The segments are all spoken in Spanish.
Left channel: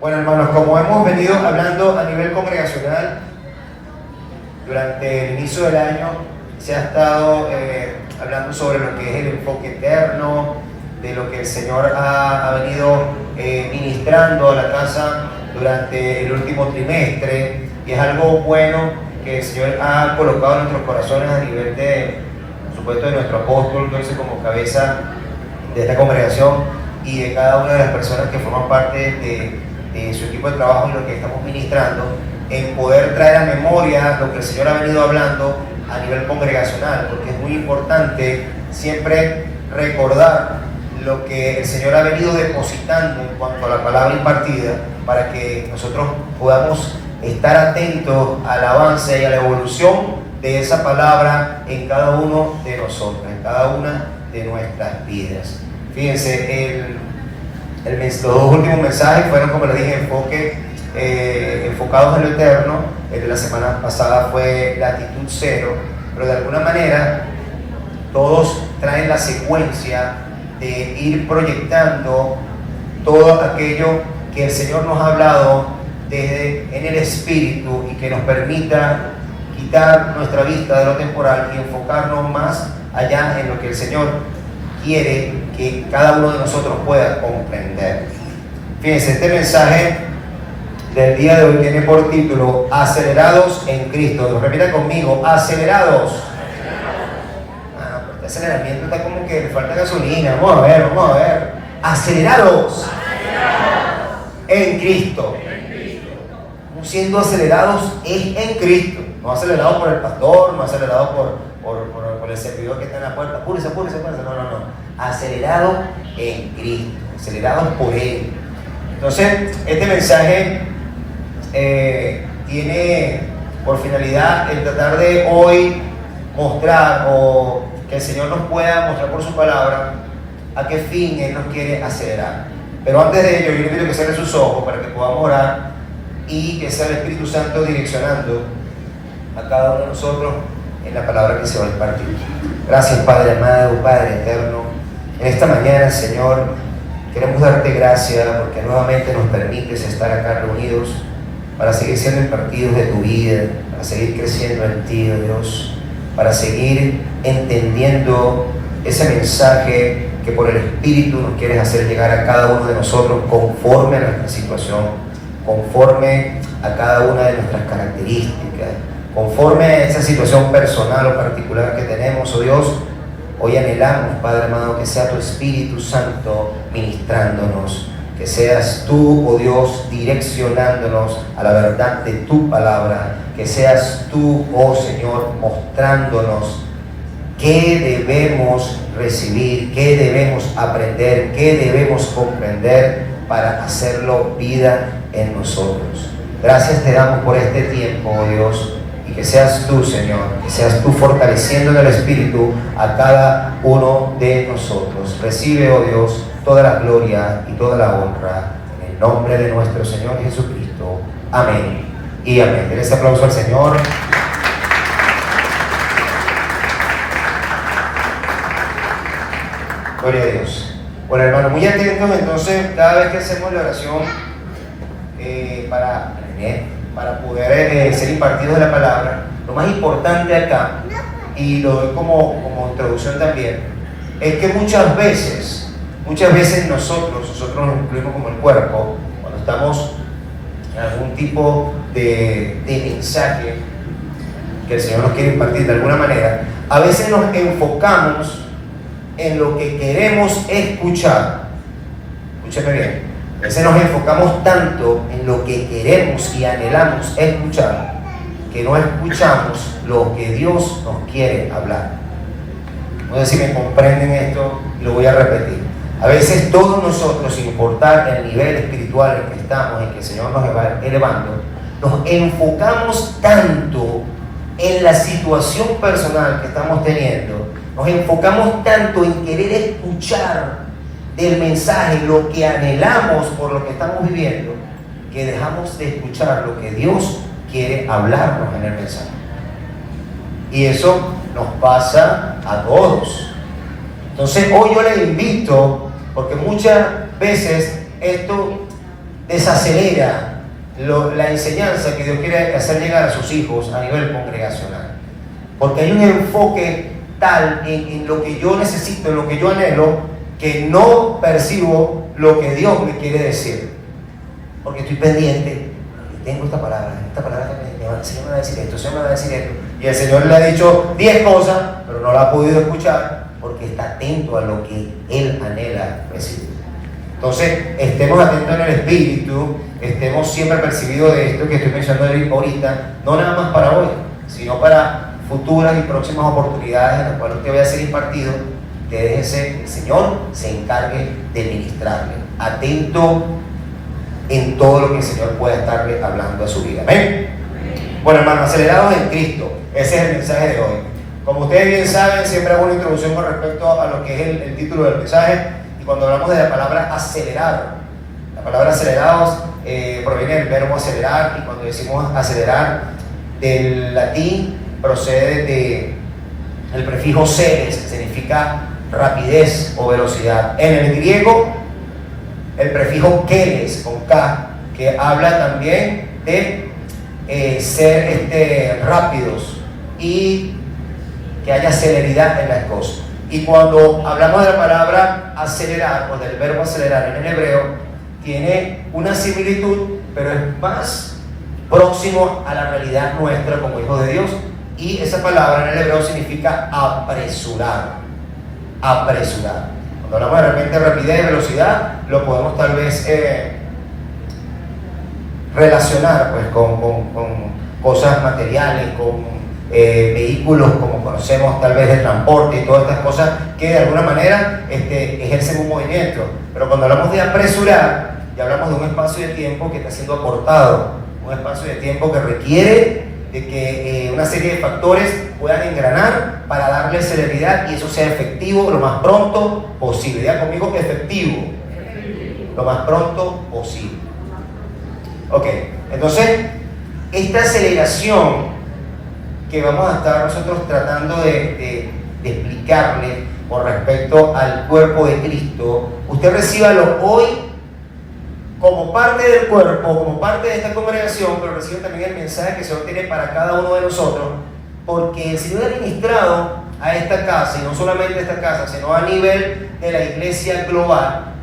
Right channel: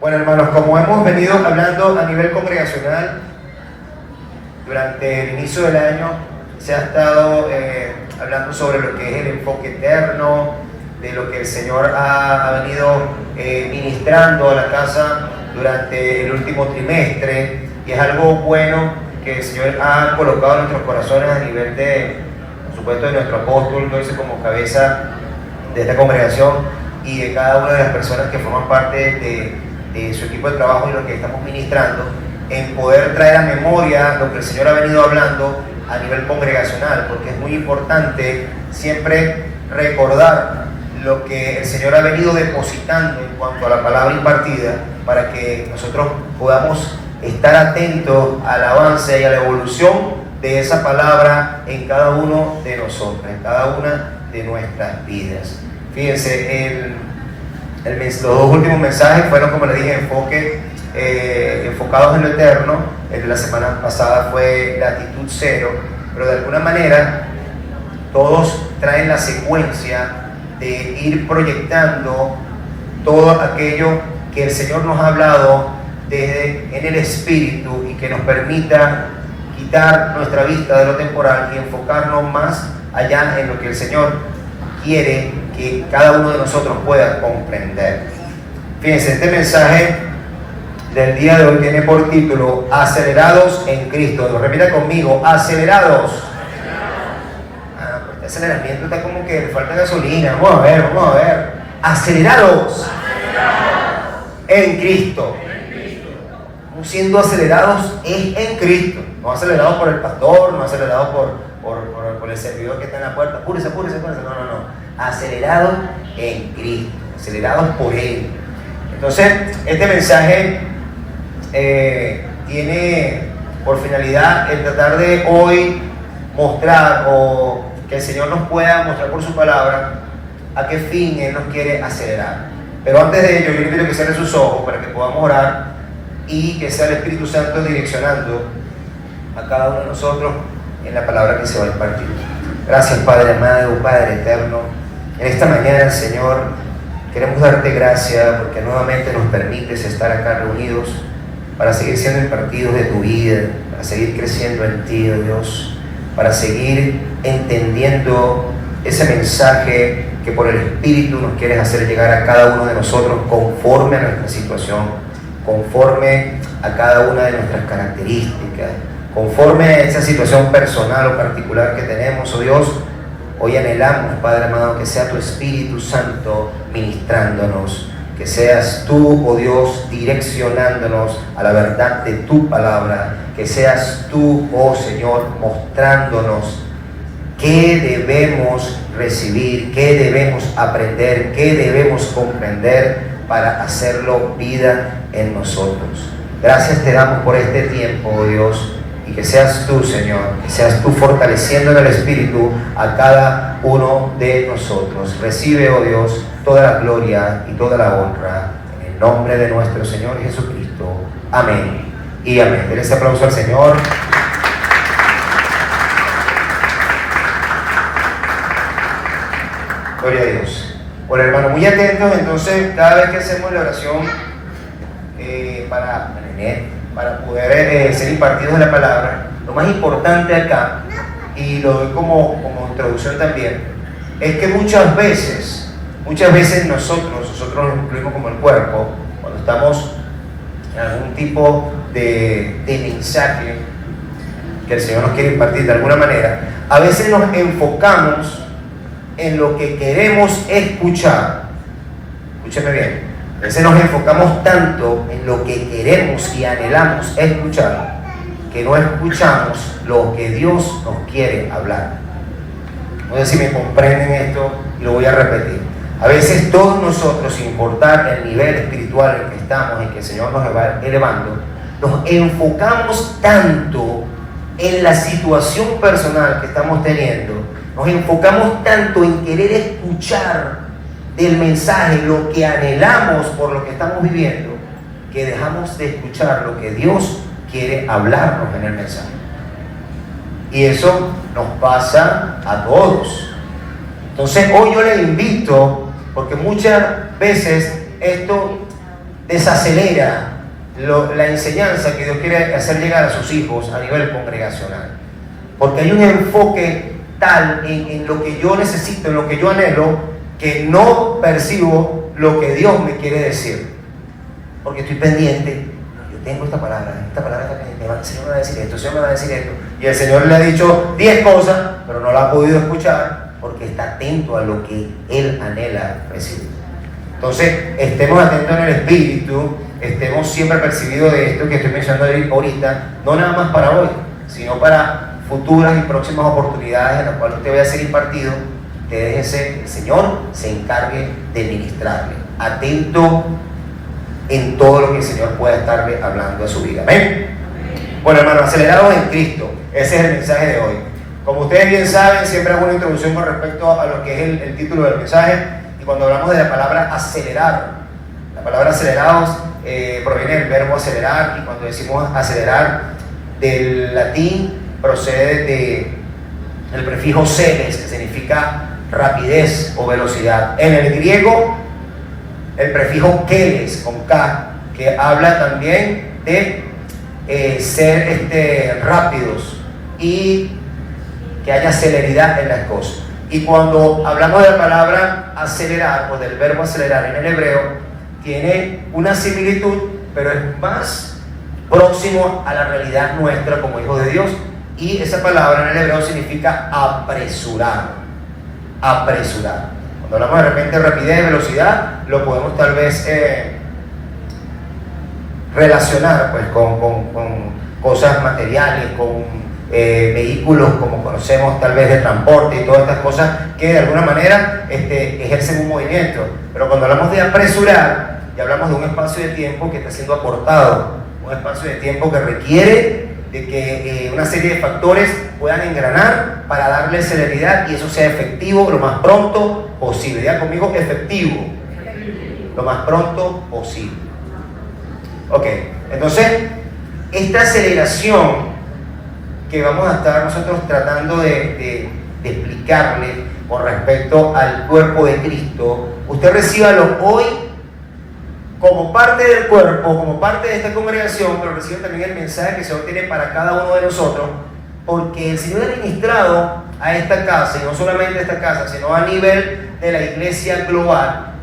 Bueno, hermanos, como hemos venido hablando a nivel congregacional, durante el inicio del año se ha estado hablando sobre lo que es el enfoque eterno, de lo que el Señor ha venido ministrando a la casa durante el último trimestre, y es algo bueno que el Señor ha colocado en nuestros corazones a nivel de, por supuesto, de nuestro apóstol, entonces como cabeza de esta congregación y de cada una de las personas que forman parte de su equipo de trabajo y lo que estamos ministrando, en poder traer a memoria lo que el Señor ha venido hablando a nivel congregacional, porque es muy importante siempre recordar lo que el Señor ha venido depositando en cuanto a la palabra impartida, para que nosotros podamos estar atentos al avance y a la evolución de esa palabra en cada uno de nosotros, en cada una de nuestras vidas. Fíjense, los dos últimos mensajes fueron, como les dije, enfocados en lo eterno. El de la semana pasada fue la actitud cero, pero de alguna manera todos traen la secuencia de ir proyectando todo aquello que el Señor nos ha hablado en el Espíritu, y que nos permita quitar nuestra vista de lo temporal y enfocarnos más allá en lo que el Señor quiere que cada uno de nosotros pueda comprender. Fíjense, este mensaje del día de hoy tiene por título Acelerados en Cristo. Repita conmigo: acelerados. Este aceleramiento está como que le falta gasolina. Vamos a ver. Acelerados en Cristo. Estamos siendo acelerados en Cristo. No acelerados por el pastor, no acelerados por el servidor que está en la puerta. Apúrese. No. Acelerados en Cristo, acelerados por Él. Entonces, este mensaje tiene por finalidad el tratar de hoy mostrar, o que el Señor nos pueda mostrar por su palabra, a qué fin Él nos quiere acelerar. Pero antes de ello, yo invito a que cierren sus ojos para que podamos orar y que sea el Espíritu Santo direccionando a cada uno de nosotros en la palabra que se va a impartir. Gracias, Padre amado, Padre eterno. En esta mañana, Señor, queremos darte gracias porque nuevamente nos permites estar acá reunidos para seguir siendo impartidos de tu vida, para seguir creciendo en ti, oh Dios, para seguir entendiendo ese mensaje que por el Espíritu nos quieres hacer llegar a cada uno de nosotros conforme a nuestra situación, conforme a cada una de nuestras características, conforme a esa situación personal o particular que tenemos, oh Dios. Hoy anhelamos, Padre amado, que sea tu Espíritu Santo ministrándonos, que seas tú, oh Dios, direccionándonos a la verdad de tu palabra, que seas tú, oh Señor, mostrándonos qué debemos recibir, qué debemos aprender, qué debemos comprender para hacerlo vida en nosotros. Gracias te damos por este tiempo, oh Dios, y que seas tú, Señor, que seas tú fortaleciendo en el Espíritu a cada uno de nosotros. Recibe, oh Dios, toda la gloria y toda la honra en el nombre de nuestro Señor Jesucristo. Amén y amén. Den este aplauso al Señor. Gloria a Dios. Bueno, hermano, muy atentos. Entonces, cada vez que hacemos la oración para poder ser impartidos de la palabra, lo más importante acá, y lo doy como introducción también, es que muchas veces nosotros nos incluimos como el cuerpo, cuando estamos en algún tipo de mensaje que el Señor nos quiere impartir de alguna manera, a veces nos enfocamos en lo que queremos escuchar. Escúcheme bien. A veces nos enfocamos tanto en lo que queremos y anhelamos escuchar, que no escuchamos lo que Dios nos quiere hablar. No sé si me comprenden esto, y lo voy a repetir. A veces todos nosotros, sin importar el nivel espiritual en que estamos y que el Señor nos va elevando, nos enfocamos tanto en la situación personal que estamos teniendo, nos enfocamos tanto en querer escuchar del mensaje lo que anhelamos por lo que estamos viviendo, que dejamos de escuchar lo que Dios quiere hablarnos en el mensaje. Y eso nos pasa a todos. Entonces hoy yo les invito, porque muchas veces esto desacelera la enseñanza que Dios quiere hacer llegar a sus hijos a nivel congregacional. Porque hay un enfoque tal en lo que yo necesito, en lo que yo anhelo, que no percibo lo que Dios me quiere decir. Porque estoy pendiente, yo tengo esta palabra también, el Señor me va a decir esto, el Señor me va a decir esto. Y el Señor le ha dicho 10 cosas, pero no la ha podido escuchar porque está atento a lo que Él anhela recibir. Entonces, estemos atentos en el espíritu, estemos siempre percibidos de esto que estoy mencionando ahorita, no nada más para hoy, sino para futuras y próximas oportunidades en las cuales usted vaya a ser impartido. Usted déjese, el Señor se encargue de ministrarle, atento en todo lo que el Señor pueda estarle hablando a su vida. ¿Amén? Bueno, hermanos, acelerados en Cristo, ese es el mensaje de hoy. Como ustedes bien saben, siempre hago una introducción con respecto a lo que es el título del mensaje. Y cuando hablamos de la palabra acelerar, la palabra acelerados proviene del verbo acelerar, y cuando decimos acelerar, del latín procede del prefijo celes, que significa rapidez o velocidad. En el griego, el prefijo keles, con K, que habla también de ser rápidos y que haya celeridad en las cosas. Y cuando hablamos de la palabra acelerar, o del verbo acelerar en el hebreo, tiene una similitud, pero es más próximo a la realidad nuestra como hijos de Dios. Y esa palabra en el hebreo significa apresurar. Apresurar. Cuando hablamos de repente de rapidez y velocidad, lo podemos tal vez relacionar pues, con cosas materiales, con vehículos como conocemos tal vez de transporte y todas estas cosas que de alguna manera ejercen un movimiento. Pero cuando hablamos de apresurar, ya hablamos de un espacio de tiempo que está siendo acortado, un espacio de tiempo que requiere de que una serie de factores puedan engranar para darle celeridad y eso sea efectivo lo más pronto posible. Diga conmigo, efectivo, lo más pronto posible. Ok, entonces esta aceleración que vamos a estar nosotros tratando de explicarle con respecto al cuerpo de Cristo, usted recíbalo hoy como parte del cuerpo, como parte de esta congregación, pero recibe también el mensaje que el Señor tiene para cada uno de nosotros, porque el Señor ha ministrado a esta casa, y no solamente a esta casa, sino a nivel de la iglesia global,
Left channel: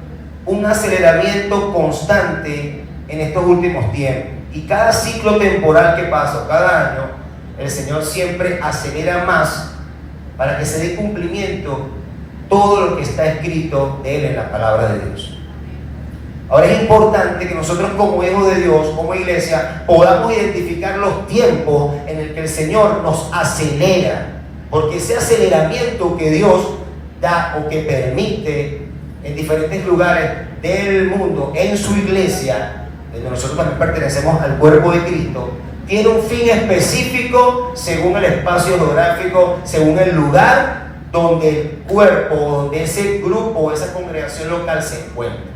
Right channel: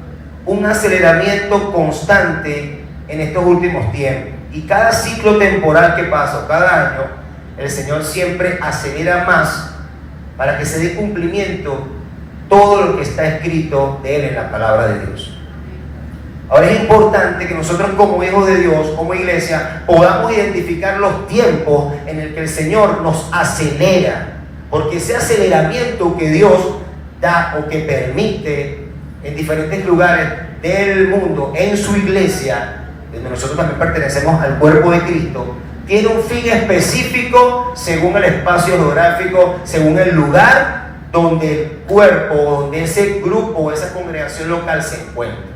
un aceleramiento constante en estos últimos tiempos. Y cada ciclo temporal que pasa, cada año, el Señor siempre acelera más para que se dé cumplimiento todo lo que está escrito de Él en la palabra de Dios. Ahora es importante que nosotros como hijos de Dios, como iglesia, podamos identificar los tiempos en el que el Señor nos acelera, porque ese aceleramiento que Dios da o que permite en diferentes lugares del mundo, en su iglesia, donde nosotros también pertenecemos al cuerpo de Cristo, tiene un fin específico según el espacio geográfico, según el lugar donde el cuerpo, donde ese grupo, esa congregación local se encuentra.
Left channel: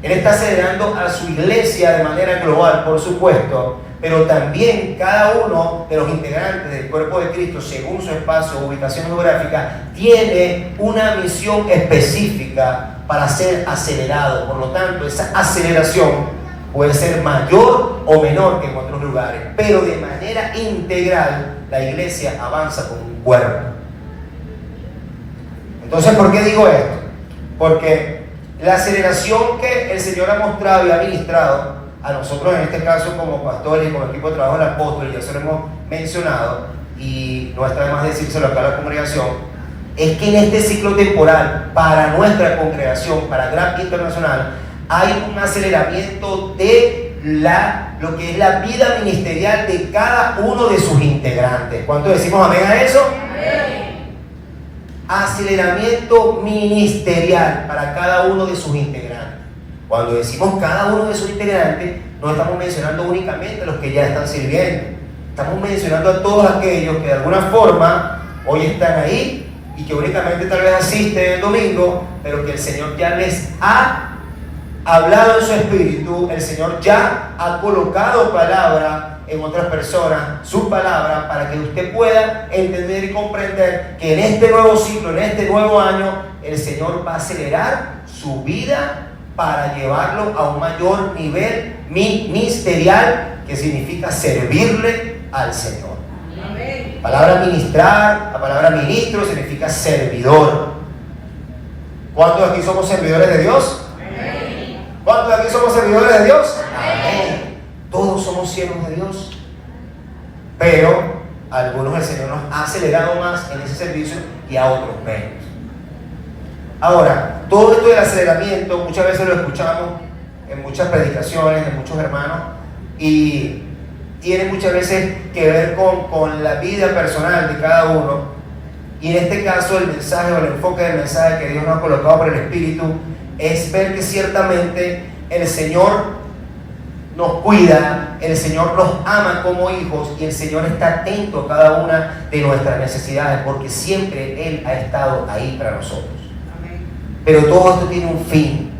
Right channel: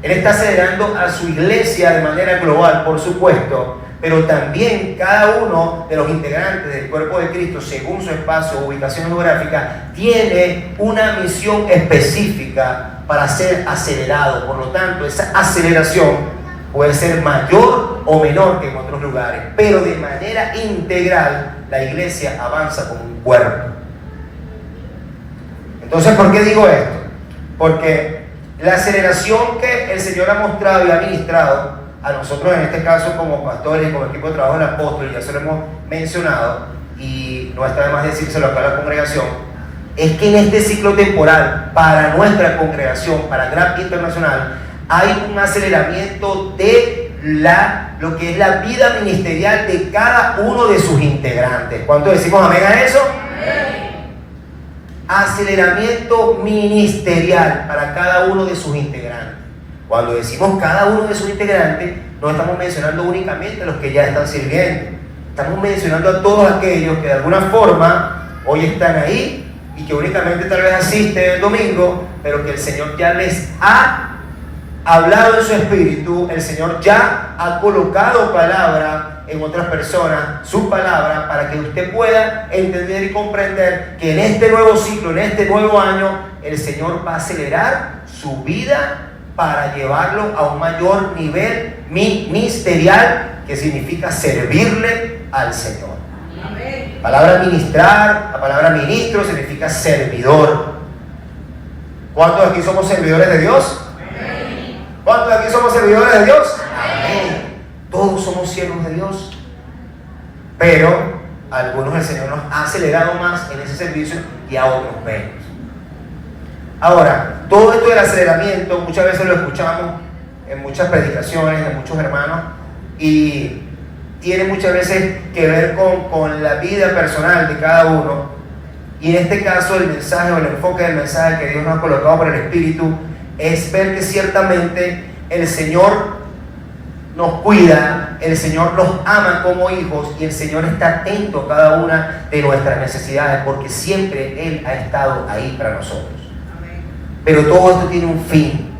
Él está acelerando a su iglesia de manera global, por supuesto, pero también cada uno de los integrantes del cuerpo de Cristo, según su espacio o ubicación geográfica, tiene una misión específica para ser acelerado. Por lo tanto, esa aceleración puede ser mayor o menor que en otros lugares, pero de manera integral la iglesia avanza como un cuerpo. Entonces, ¿por qué digo esto? Porque la aceleración que el Señor ha mostrado y ha ministrado a nosotros, en este caso como pastores y como equipo de trabajo del apóstol, ya se lo hemos mencionado y no está de más decírselo acá a la congregación, es que en este ciclo temporal para nuestra congregación, para Grab Internacional, hay un aceleramiento de lo que es la vida ministerial de cada uno de sus integrantes. ¿Cuántos decimos amén a eso? Amén. Aceleramiento ministerial para cada uno de sus integrantes. Cuando decimos cada uno de sus integrantes, no estamos mencionando únicamente a los que ya están sirviendo. Estamos mencionando a todos aquellos que de alguna forma hoy están ahí y que únicamente tal vez asisten el domingo, pero que el Señor ya les ha hablado en su espíritu, el Señor ya ha colocado palabra en otras personas, su palabra, para que usted pueda entender y comprender que en este nuevo ciclo, en este nuevo año, el Señor va a acelerar su vida para llevarlo a un mayor nivel ministerial, que significa servirle al Señor. La palabra ministrar, la palabra ministro significa servidor. ¿Cuántos de aquí somos servidores de Dios? ¿Cuántos de aquí somos servidores de Dios? Amén. Todos somos siervos de Dios, pero a algunos el Señor nos ha acelerado más en ese servicio y a otros menos. Ahora, todo esto del aceleramiento muchas veces lo escuchamos en muchas predicaciones de muchos hermanos y tiene muchas veces que ver con la vida personal de cada uno. Y en este caso el mensaje o el enfoque del mensaje que Dios nos ha colocado por el Espíritu es ver que ciertamente el Señor nos cuida, el Señor nos ama como hijos y el Señor está atento a cada una de nuestras necesidades, porque siempre Él ha estado ahí para nosotros. Pero todo esto tiene un fin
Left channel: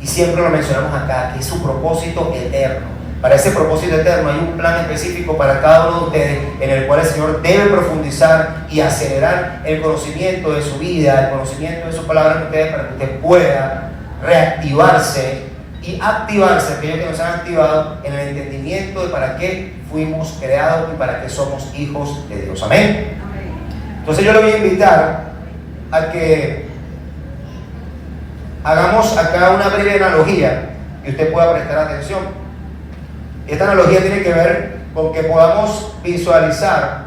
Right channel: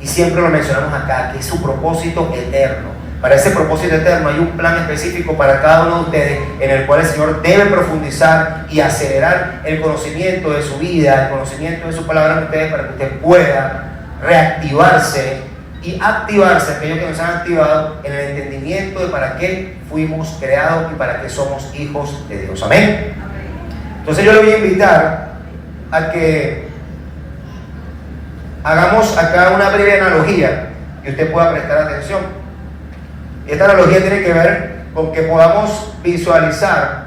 y siempre lo mencionamos acá, que es su propósito eterno. Para ese propósito eterno hay un plan específico para cada uno de ustedes, en el cual el Señor debe profundizar y acelerar el conocimiento de su vida, el conocimiento de su palabra en ustedes, para que usted pueda reactivarse y activarse, aquellos que nos han activado, en el entendimiento de para qué fuimos creados y para qué somos hijos de Dios. Amén. Entonces yo le voy a invitar a que hagamos acá una breve analogía y usted pueda prestar atención. Esta analogía tiene que ver con que podamos visualizar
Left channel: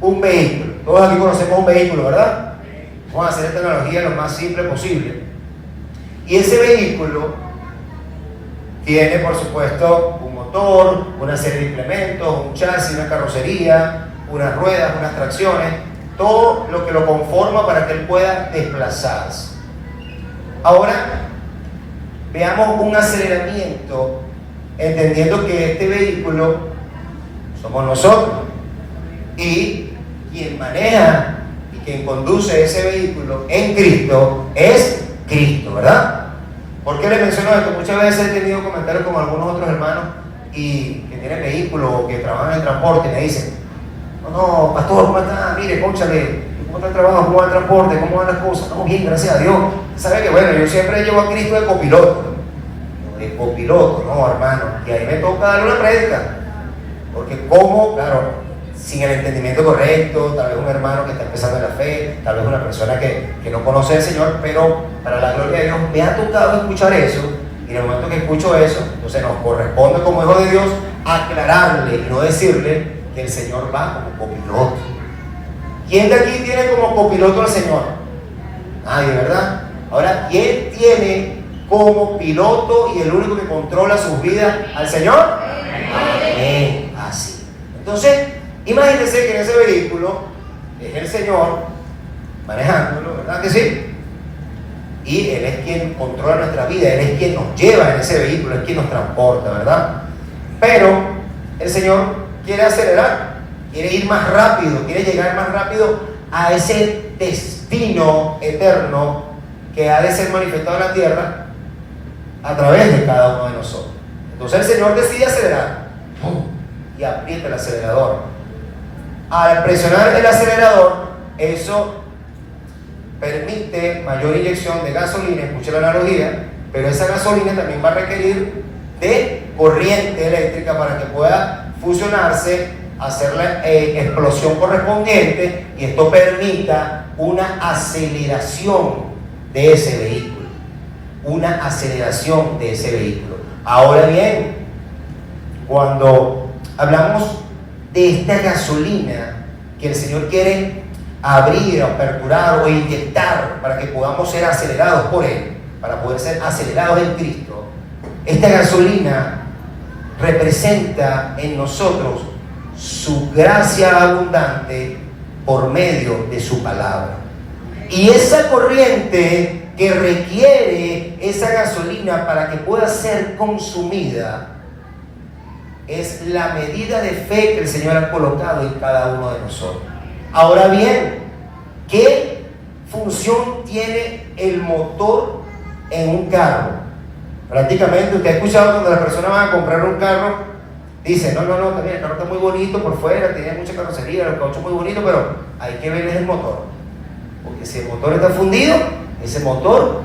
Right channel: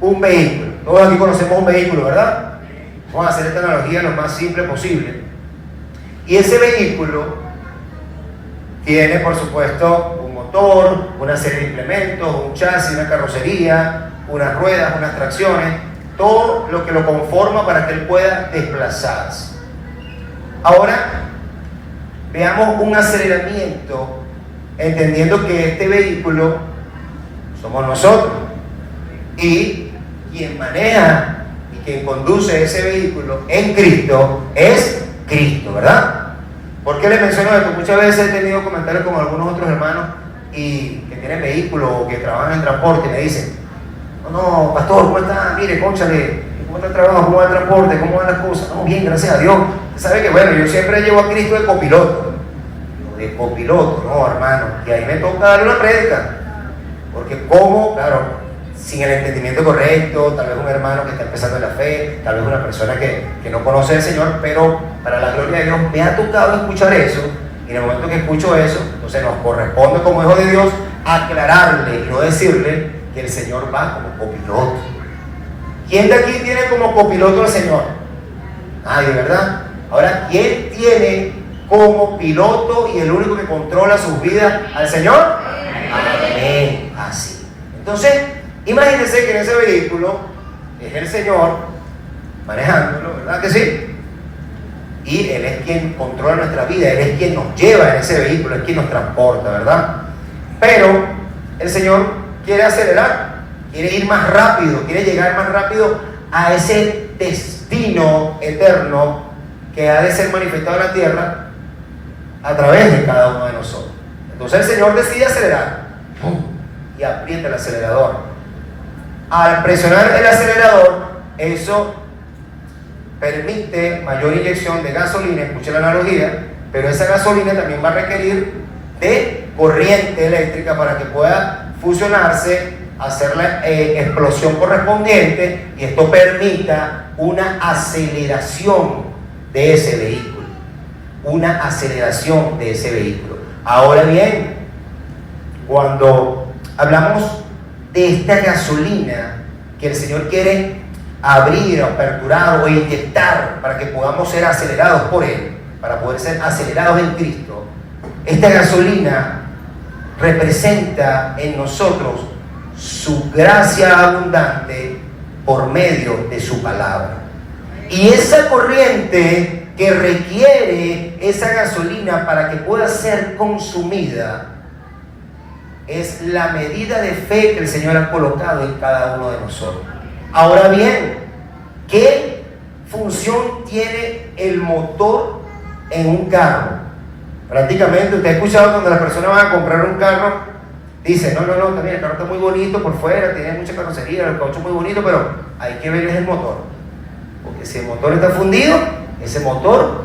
un vehículo. Todos aquí conocemos un vehículo, ¿verdad? Vamos a hacer esta analogía lo más simple posible. Y ese vehículo tiene, por supuesto, un motor, una serie de implementos, un chasis, una carrocería, unas ruedas, unas tracciones, todo lo que lo conforma para que él pueda desplazarse. Ahora, veamos un aceleramiento, entendiendo que este vehículo somos nosotros y quien maneja y quien conduce ese vehículo en Cristo es Cristo, ¿verdad? ¿Por qué les menciono esto? Muchas veces he tenido comentarios con algunos otros hermanos y que tienen vehículos o que trabajan en transporte y me dicen: no, pastor, ¿cómo está? Mire, cónchale, ¿cómo está el trabajo? ¿Cómo va el transporte? ¿Cómo van las cosas? No, bien, gracias a Dios. ¿Sabe que bueno, yo siempre llevo a Cristo de copiloto? De copiloto, no, hermano, y ahí me toca darle una prédica, porque como, claro, sin el entendimiento correcto, tal vez un hermano que está empezando en la fe, tal vez una persona que no conoce al Señor, pero para la gloria de Dios me ha tocado escuchar eso, y en el momento que escucho eso, entonces nos corresponde como hijo de Dios aclararle y no decirle que el Señor va como copiloto. ¿Quién de aquí tiene como copiloto al Señor? Nadie, ¿verdad? Ahora, ¿quién tiene como piloto y el único que controla sus vidas al Señor? Amén. Así. Entonces, imagínense que en ese vehículo es el Señor manejándolo, ¿verdad que sí? Y Él es quien controla nuestra vida, Él es quien nos lleva en ese vehículo, es quien nos transporta, ¿verdad? Pero el Señor quiere acelerar, quiere ir más rápido, quiere llegar más rápido a ese destino eterno que ha de ser manifestado en la tierra a través de cada uno de nosotros. Entonces el Señor decide acelerar y aprieta el acelerador. Al presionar el acelerador, eso permite mayor inyección de gasolina, escuche la analogía, pero esa gasolina también va a requerir de corriente eléctrica para que pueda fusionarse, hacer la explosión correspondiente, y esto permita una aceleración de ese vehículo. Una aceleración de ese vehículo. Ahora bien, cuando hablamos de esta gasolina que el Señor quiere abrir, aperturar o inyectar para que podamos ser acelerados por Él, para poder ser acelerados en Cristo, esta gasolina representa en nosotros su gracia abundante por medio de su palabra. Y esa corriente que requiere esa gasolina para que pueda ser consumida es la medida de fe que el Señor ha colocado en cada uno de nosotros. Ahora bien, ¿qué función tiene el motor en un carro? Prácticamente usted ha escuchado cuando las personas van a comprar un carro, dice, no, también el carro está muy bonito por fuera, tiene mucha carrocería, el caucho muy bonito, pero hay que ver el motor. Porque si el motor está fundido, ese motor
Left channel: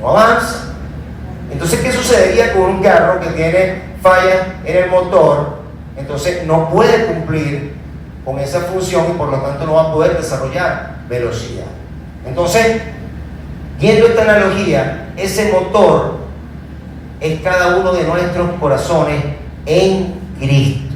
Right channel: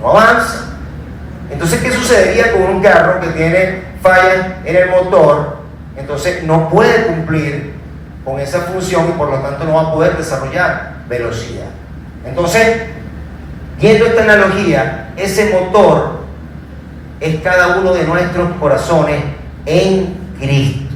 no avanza. Entonces, ¿qué sucedería con un carro que tiene fallas en el motor? Entonces no puede cumplir con esa función y por lo tanto no va a poder desarrollar velocidad. Entonces, viendo esta analogía, ese motor es cada uno de nuestros corazones en Cristo.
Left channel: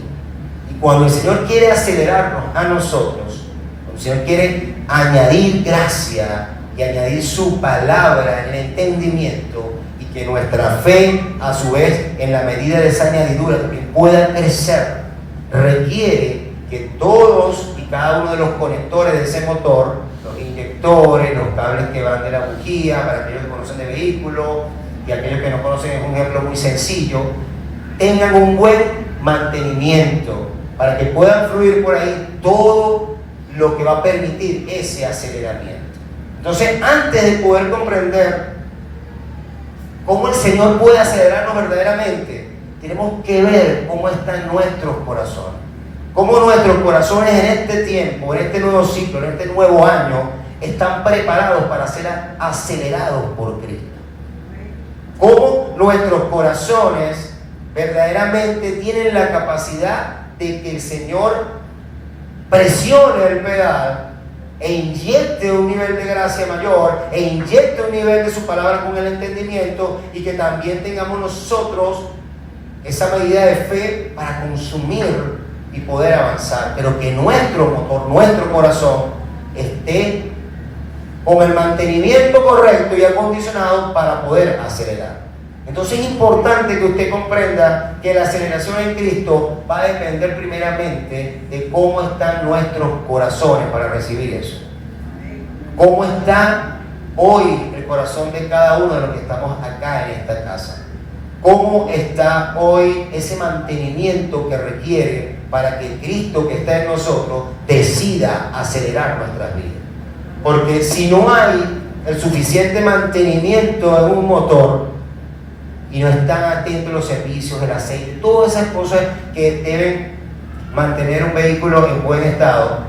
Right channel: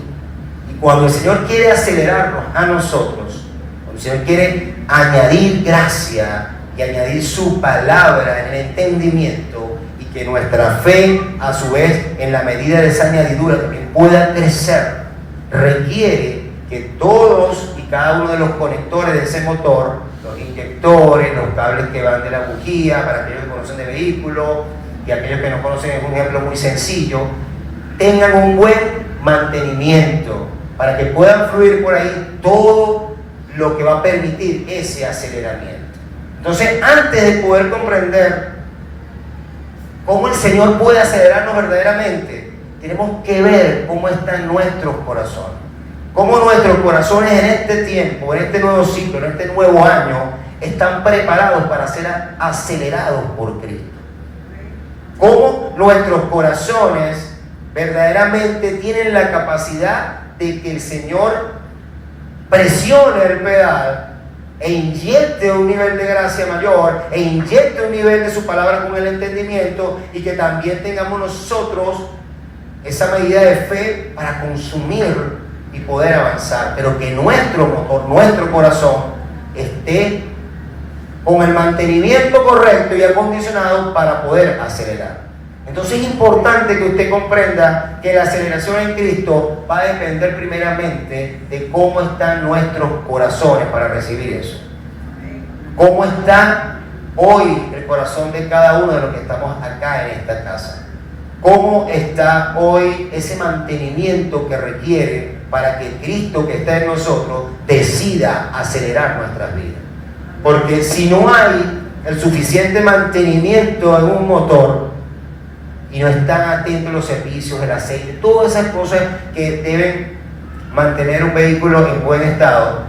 Y cuando el Señor quiere acelerarnos a nosotros, cuando el Señor quiere añadir gracia y añadir su palabra en el entendimiento, y que nuestra fe, a su vez, en la medida de esa añadidura también pueda crecer, requiere que todos y cada uno de los conectores de ese motor, los inyectores, los cables que van de la bujía, para aquellos que conocen de vehículos y aquellos que no conocen, es un ejemplo muy sencillo, tengan un buen mantenimiento para que puedan fluir por ahí todo lo que va a permitir ese aceleramiento. Entonces, antes de poder comprender cómo el Señor puede acelerarnos verdaderamente, tenemos que ver cómo están nuestros corazones. Cómo nuestros corazones en este tiempo, en este nuevo ciclo, en este nuevo año, están preparados para ser acelerados por Cristo. Cómo nuestros corazones verdaderamente tienen la capacidad de que el Señor presione el pedal e inyecte un nivel de gracia mayor, e inyecte un nivel de su palabra con el entendimiento, y que también tengamos nosotros esa medida de fe para consumir y poder avanzar, pero que nuestro motor, nuestro corazón esté con el mantenimiento correcto y acondicionado para poder acelerar. Entonces es importante que usted comprenda que la aceleración en Cristo va a depender primeramente de cómo están nuestros corazones para recibir eso. ¿Cómo está hoy el corazón de cada uno de los que estamos acá en esta casa? ¿Cómo está hoy ese mantenimiento que requiere para que Cristo que está en nosotros decida acelerar nuestras vidas? Porque si no hay el suficiente mantenimiento en un motor y no están atentos los servicios, el aceite, todas esas cosas que deben mantener un vehículo en buen estado,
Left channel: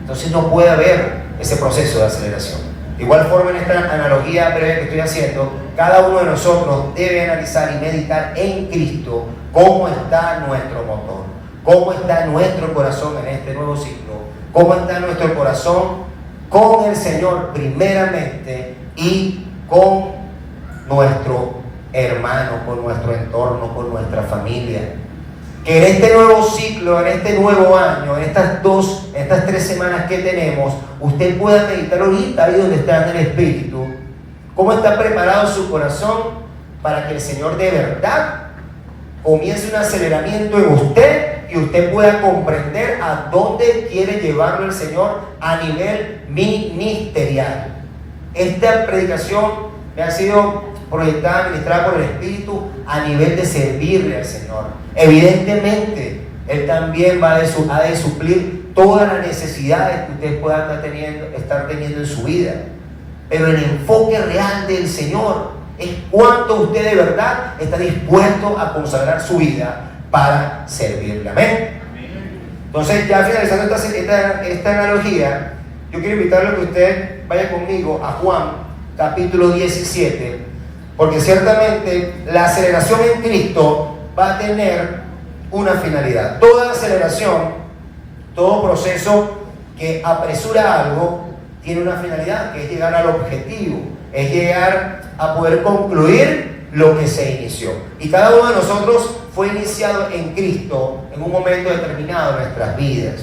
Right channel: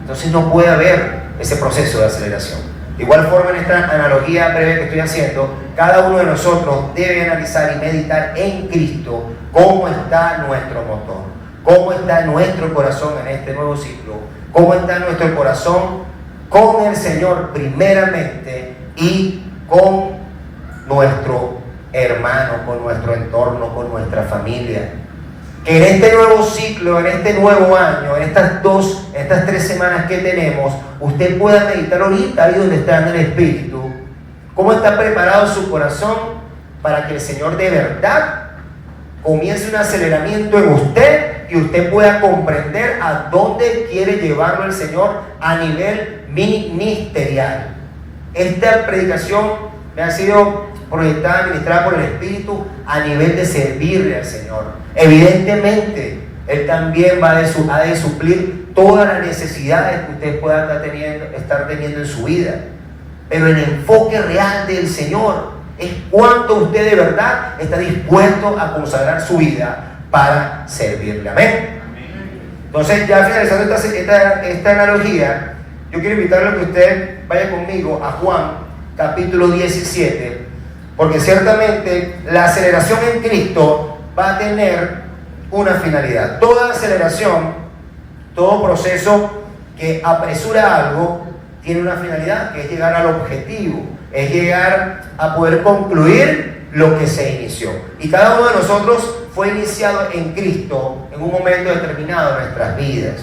entonces no puede haber ese proceso de aceleración. De igual forma, en esta analogía breve que estoy haciendo, cada uno de nosotros debe analizar y meditar en Cristo cómo está nuestro motor, cómo está nuestro corazón en este nuevo ciclo, cómo está nuestro corazón con el Señor primeramente y con nuestro hermano, con nuestro entorno, con nuestra familia. Que en este nuevo ciclo, en este nuevo año, en estas 3 semanas que tenemos, usted pueda meditar ahorita ahí donde está en el Espíritu, cómo está preparado su corazón para que el Señor de verdad comience un aceleramiento en usted y usted pueda comprender a dónde quiere llevarlo el Señor a nivel ministerial. Esta predicación me ha sido proyectada, ministrada por el Espíritu a nivel de servirle al Señor. Evidentemente, Él también ha de suplir todas las necesidades que usted pueda estar teniendo en su vida. Pero el enfoque real del Señor es cuánto usted de verdad está dispuesto a consagrar su vida para servirle. Amén. Entonces, ya finalizando esta analogía, yo quiero invitarle a que usted vaya conmigo a Juan capítulo 17, porque ciertamente la aceleración en Cristo va a tener una finalidad. Toda aceleración, todo proceso que apresura algo tiene una finalidad, que es llegar al objetivo, es llegar a poder concluir lo que se inició. Y cada uno de nosotros fue iniciado en Cristo en un momento determinado de nuestras vidas.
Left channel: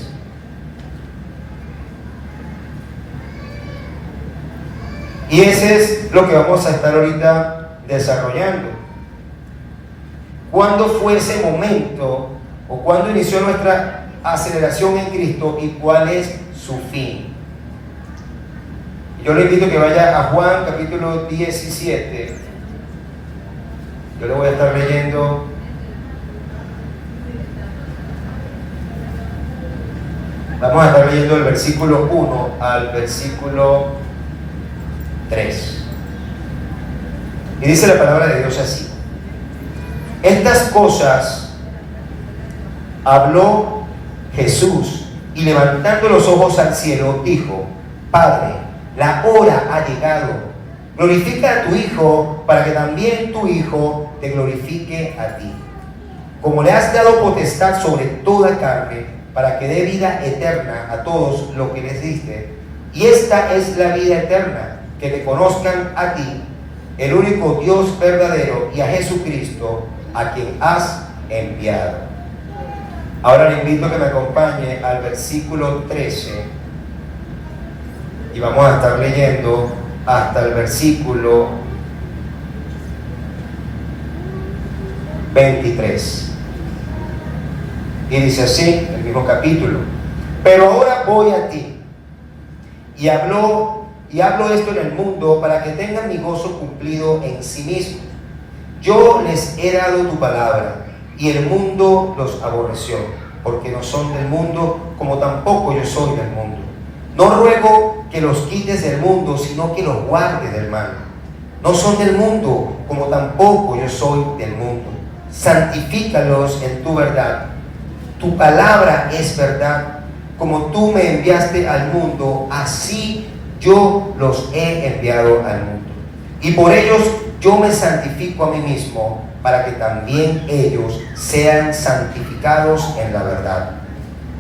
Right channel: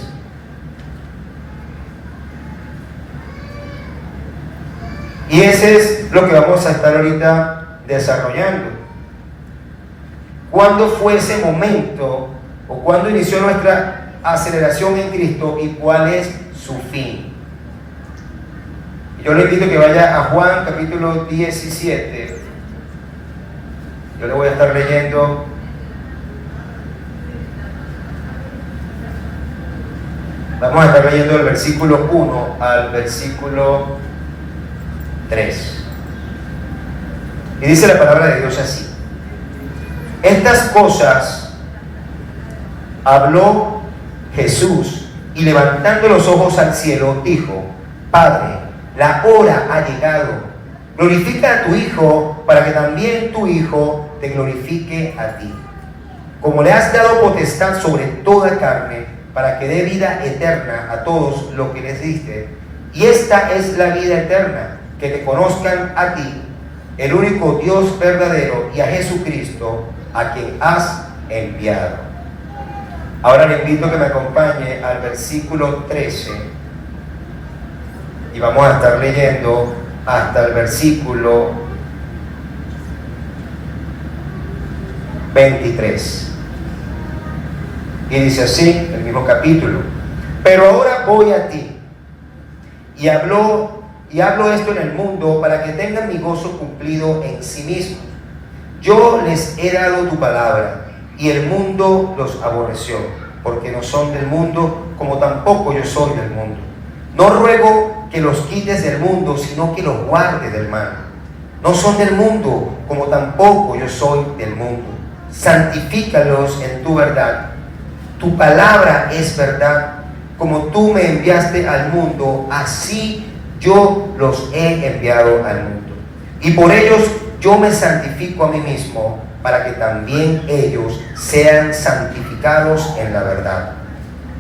Y ese es lo que vamos a estar ahorita desarrollando. ¿Cuándo fue ese momento o cuándo inició nuestra aceleración en Cristo y cuál es su fin? Yo le invito a que vaya a Juan capítulo 17. Yo le voy a estar leyendo vamos a estar leyendo el versículo 1 al versículo 3. Y dice la palabra de Dios así: estas cosas habló Jesús y levantando los ojos al cielo dijo: Padre, la hora ha llegado, Glorifica a tu Hijo para que también tu Hijo te glorifique a ti. Como le has dado potestad sobre toda carne, para que dé vida eterna a todos los que les diste. Y esta es la vida eterna, que te conozcan a ti, el único Dios verdadero, y a Jesucristo, a quien has enviado. Ahora le invito a que me acompañe al versículo 13 y vamos a estar leyendo hasta el versículo 23. Y dice así, el mismo capítulo: pero ahora voy a ti, y hablo esto en el mundo para que tengan mi gozo cumplido en sí mismo. Yo les he dado tu palabra, y el mundo los aborreció, porque no son del mundo, como tampoco yo soy del mundo. No ruego que los quites del mundo, sino que los guardes del mal. No son del mundo, como tampoco yo soy del mundo. Santifícalos en tu verdad. Tu palabra es verdad. Como tú me enviaste al mundo, así yo los he enviado al mundo. Y por ellos yo me santifico a mí mismo, para que también ellos sean santificados en la verdad.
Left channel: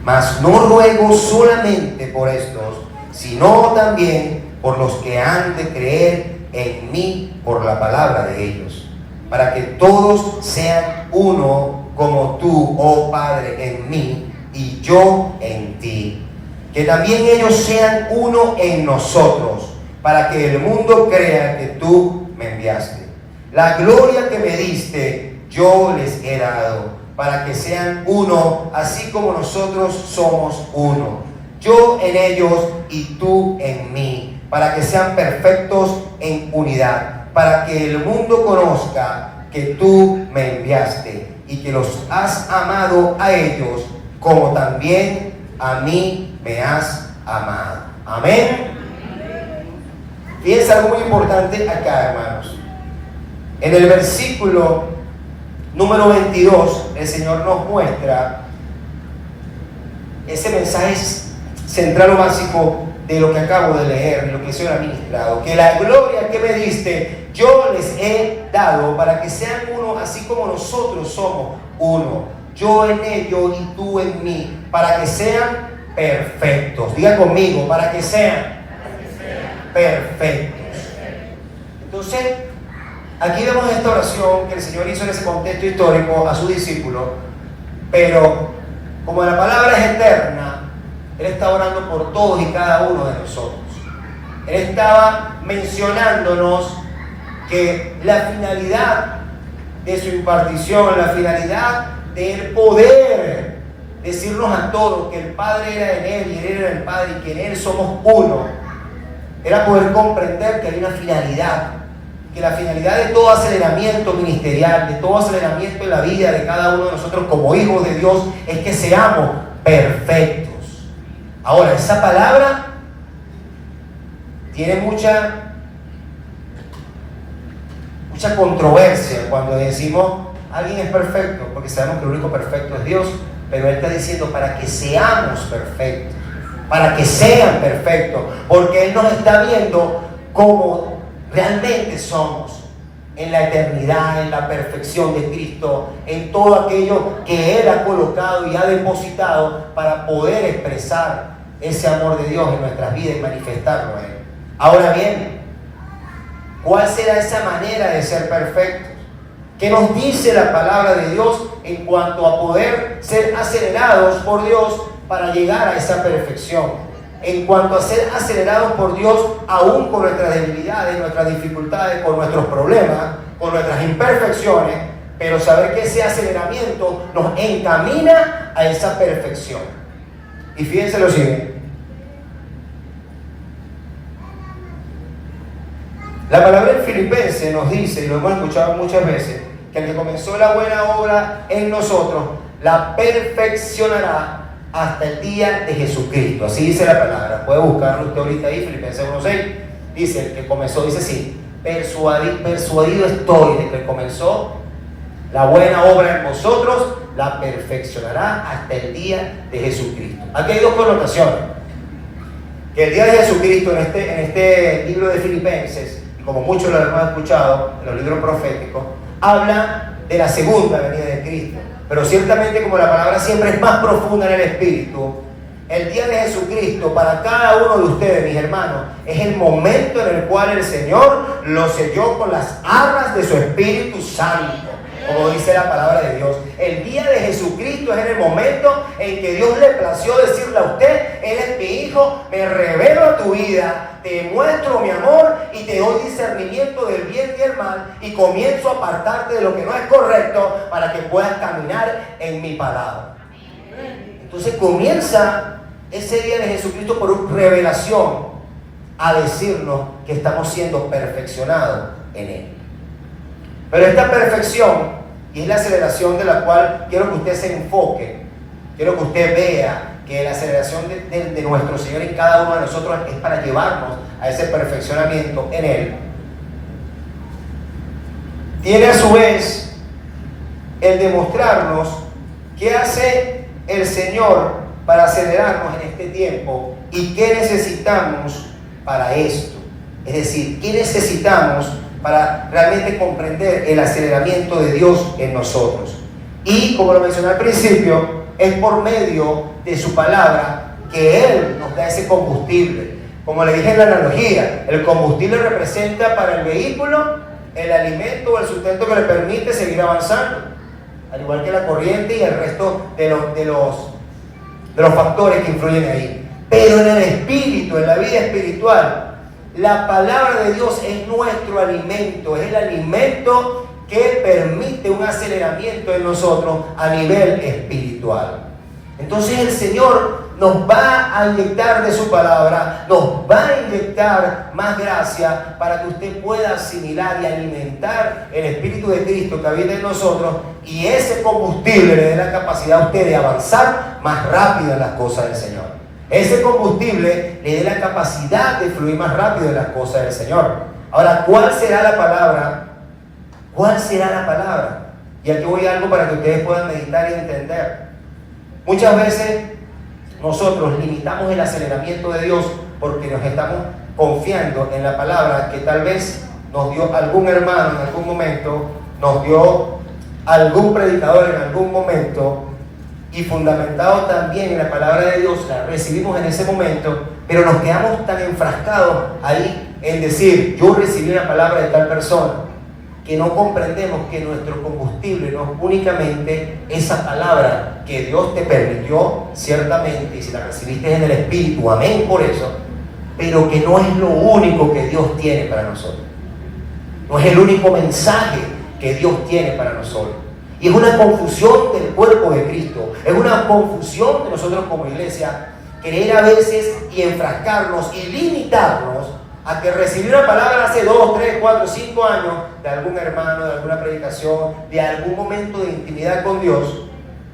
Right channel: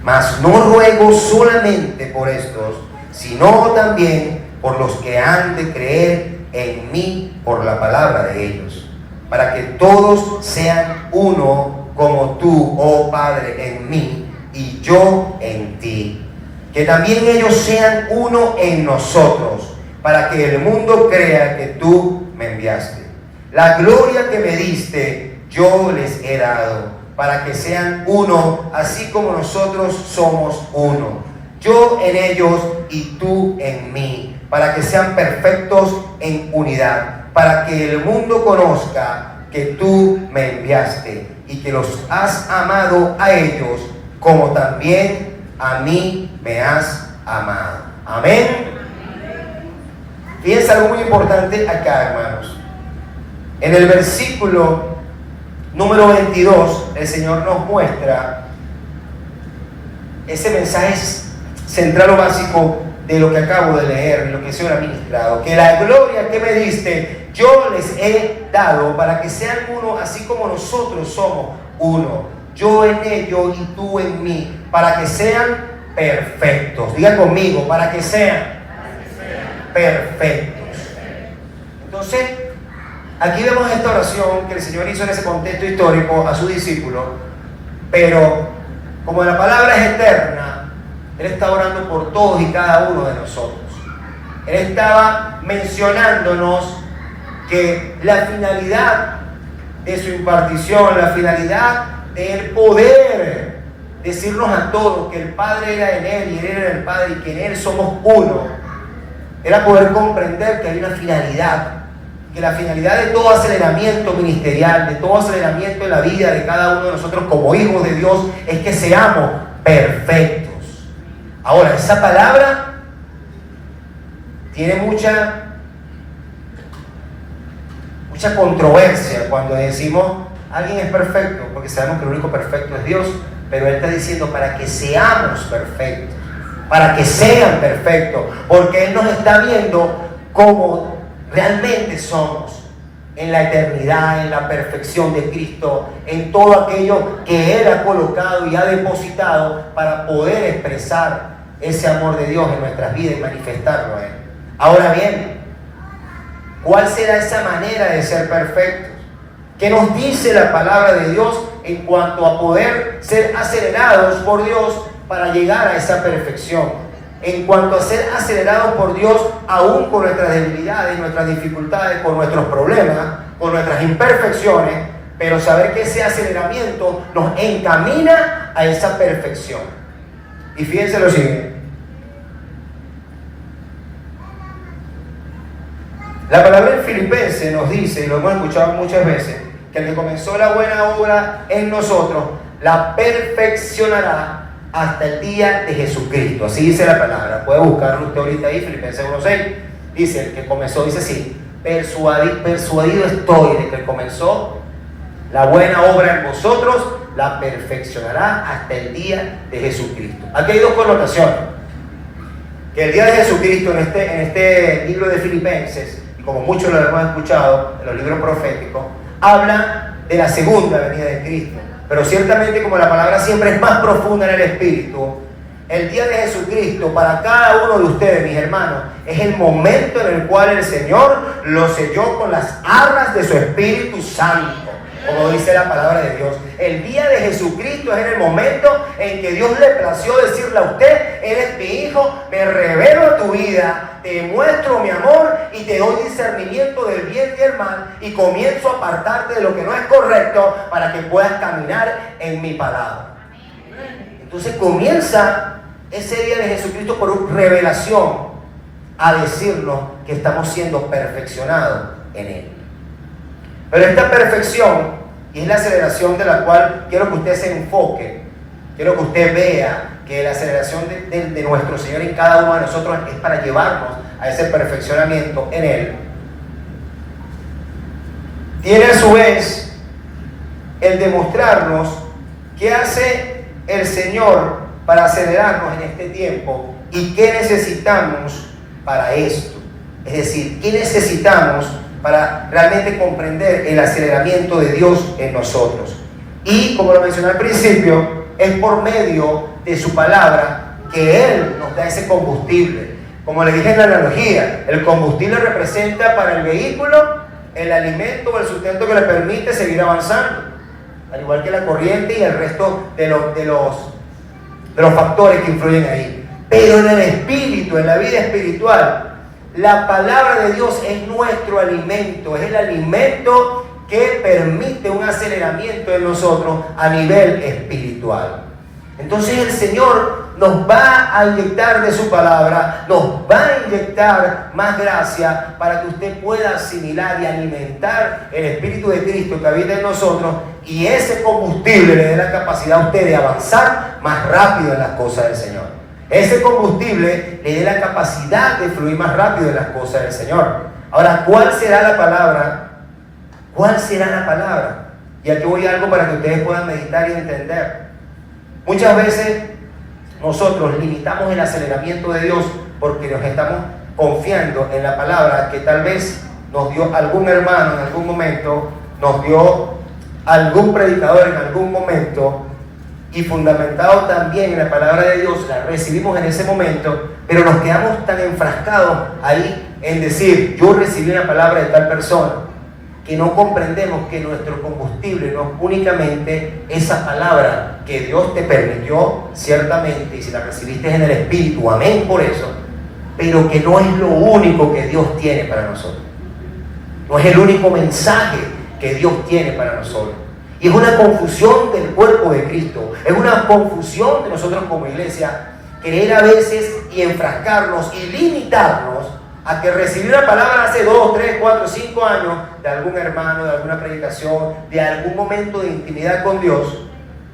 Mas no ruego solamente por estos, sino también por los que han de creer en mí por la palabra de ellos, para que todos sean uno, como tú, oh Padre, en mí y yo en ti. Que también ellos sean uno en nosotros, para que el mundo crea que tú me enviaste. La gloria que me diste, yo les he dado, para que sean uno, así como nosotros somos uno. Yo en ellos y tú en mí, para que sean perfectos en unidad, para que el mundo conozca que tú me enviaste y que los has amado a ellos, como también a mí me has amado. Amén. Fíjense algo muy importante acá, hermanos. En el versículo número 22, el Señor nos muestra ese mensaje central o básico de lo que acabo de leer, de lo que el Señor ha ministrado: que la gloria que me diste, yo les he dado, para que sean uno, así como nosotros somos uno. Yo en ellos y tú en mí, para que sean perfectos. Diga conmigo: para que sean perfectos. Entonces, aquí vemos esta oración que el Señor hizo en ese contexto histórico a su discípulo, pero como la palabra es eterna, Él está orando por todos y cada uno de nosotros. Él estaba mencionándonos que la finalidad de su impartición, la finalidad de Él poder decirnos a todos que el Padre era en Él y Él era en el Padre y que en Él somos uno, era poder comprender que hay una finalidad, que la finalidad de todo aceleramiento ministerial, de todo aceleramiento en la vida de cada uno de nosotros como hijos de Dios, es que seamos perfectos. Ahora, esa palabra tiene mucha controversia cuando decimos alguien es perfecto, porque sabemos que el único perfecto es Dios, pero Él está diciendo para que seamos perfectos, para que sean perfectos, porque Él nos está viendo como realmente somos, en la eternidad, en la perfección de Cristo, en todo aquello que Él ha colocado y ha depositado para poder expresar ese amor de Dios en nuestras vidas y manifestarlo a Él. Ahora bien, ¿cuál será esa manera de ser perfectos? ¿Qué nos dice la palabra de Dios en cuanto a poder ser acelerados por Dios para llegar a esa perfección? En cuanto a ser acelerados por Dios aún con nuestras debilidades, nuestras dificultades, con nuestros problemas, con nuestras imperfecciones, pero saber que ese aceleramiento nos encamina a esa perfección. Y fíjense lo siguiente. La palabra en Filipenses nos dice, y lo hemos escuchado muchas veces, que el que comenzó la buena obra en nosotros, la perfeccionará hasta el día de Jesucristo. Así dice la palabra. Puede buscarlo usted ahorita ahí, Filipenses 1:6. Dice, el que comenzó, dice así: persuadido estoy de que comenzó la buena obra en vosotros, la perfeccionará hasta el día de Jesucristo. Aquí hay dos connotaciones. Que el día de Jesucristo en este libro de Filipenses, como muchos lo hemos escuchado en los libros proféticos, habla de la segunda venida de Cristo. Pero ciertamente, como la palabra siempre es más profunda en el Espíritu, el día de Jesucristo para cada uno de ustedes, mis hermanos, es el momento en el cual el Señor lo selló con las arras de su Espíritu Santo, como dice la palabra de Dios. El día de Jesucristo es en el momento en que Dios le plació decirle a usted: eres mi hijo, me revelo a tu vida, te muestro mi amor y te doy discernimiento del bien y el mal, y comienzo a apartarte de lo que no es correcto para que puedas caminar en mi palabra. Entonces comienza ese día de Jesucristo por una revelación a decirnos que estamos siendo perfeccionados en Él. Pero esta perfección, y es la aceleración de la cual quiero que usted se enfoque, quiero que usted vea que la aceleración de nuestro Señor en cada uno de nosotros es para llevarnos a ese perfeccionamiento en Él. Tiene a su vez el demostrarnos qué hace el Señor para acelerarnos en este tiempo y qué necesitamos para esto. Es decir, qué necesitamos para realmente comprender el aceleramiento de Dios en nosotros. Y como lo mencioné al principio, es por medio de su palabra que Él nos da ese combustible. Como le dije en la analogía, el combustible representa para el vehículo el alimento o el sustento que le permite seguir avanzando, al igual que la corriente y el resto de los factores que influyen ahí. Pero en el espíritu, en la vida espiritual, la palabra de Dios es nuestro alimento, es el alimento que permite un aceleramiento en nosotros a nivel espiritual. Entonces el Señor nos va a inyectar de su palabra, nos va a inyectar más gracia para que usted pueda asimilar y alimentar el Espíritu de Cristo que habita en nosotros, y ese combustible le dé la capacidad a usted de avanzar más rápido en las cosas del Señor. Ese combustible le dé la capacidad de fluir más rápido en las cosas del Señor. Ahora, ¿cuál será la palabra? ¿Cuál será la palabra? Y aquí voy a algo para que ustedes puedan meditar y entender. Muchas veces nosotros limitamos el aceleramiento de Dios porque nos estamos confiando en la palabra que tal vez nos dio algún hermano en algún momento, nos dio algún predicador en algún momento, y fundamentado también en la palabra de Dios, la recibimos en ese momento, pero nos quedamos tan enfrascados ahí en decir: yo recibí una palabra de tal persona, que no comprendemos que nuestro combustible no es únicamente esa palabra que Dios te permitió, ciertamente, y si la recibiste en el Espíritu, amén por eso, pero que no es lo único que Dios tiene para nosotros. No es el único mensaje que Dios tiene para nosotros. Y es una confusión del cuerpo de Cristo, es una confusión de nosotros como iglesia, querer a veces y enfrascarnos y limitarnos a que recibí una palabra hace 2, 3, 4, 5 años de algún hermano, de alguna predicación, de algún momento de intimidad con Dios,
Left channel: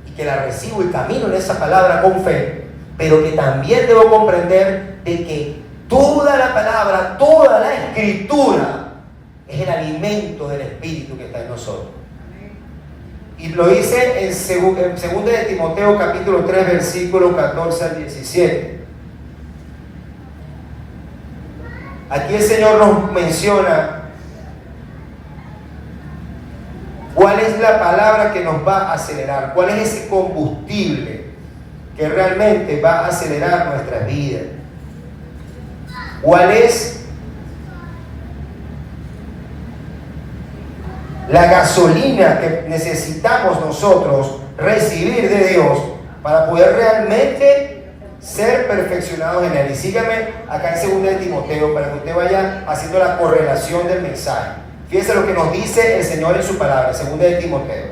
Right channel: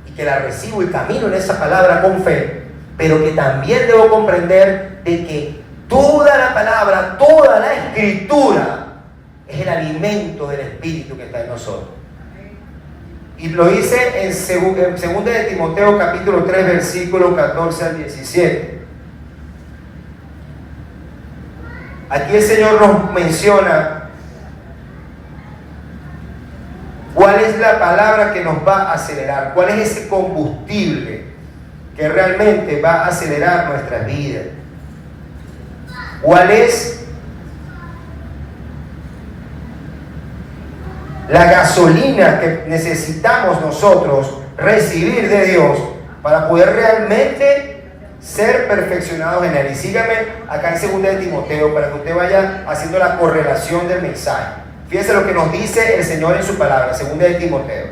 y que la recibo y camino en esa palabra con fe, pero que también debo comprender de que toda la palabra, toda la escritura es el alimento del Espíritu que está en nosotros. Y lo dice en 2 de Timoteo capítulo 3 versículo 14 al 17. Aquí el Señor nos menciona cuál es la palabra que nos va a acelerar, cuál es ese combustible que realmente va a acelerar nuestras vidas, cuál es la gasolina que necesitamos nosotros recibir de Dios para poder realmente ser perfeccionados en Él. Y sígame acá en 2 de Timoteo para que usted vaya haciendo la correlación del mensaje. Fíjense lo que nos dice el Señor en su palabra, 2 de Timoteo.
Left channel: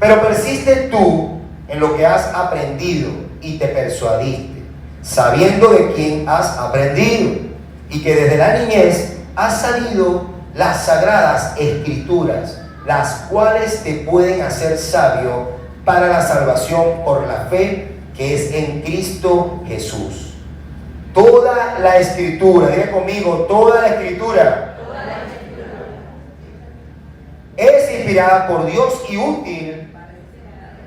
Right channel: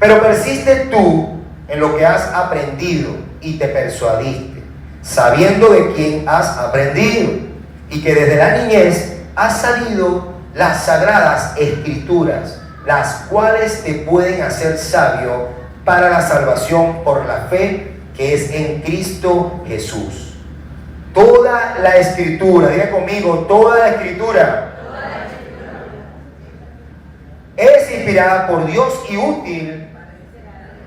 Pero persiste tú en lo que has aprendido y te persuadiste, sabiendo de quién has aprendido, y que desde la niñez has sabido las sagradas escrituras, las cuales te pueden hacer sabio para la salvación por la fe que es en Cristo Jesús. Toda la escritura, diga conmigo, toda la escritura es inspirada por Dios y útil,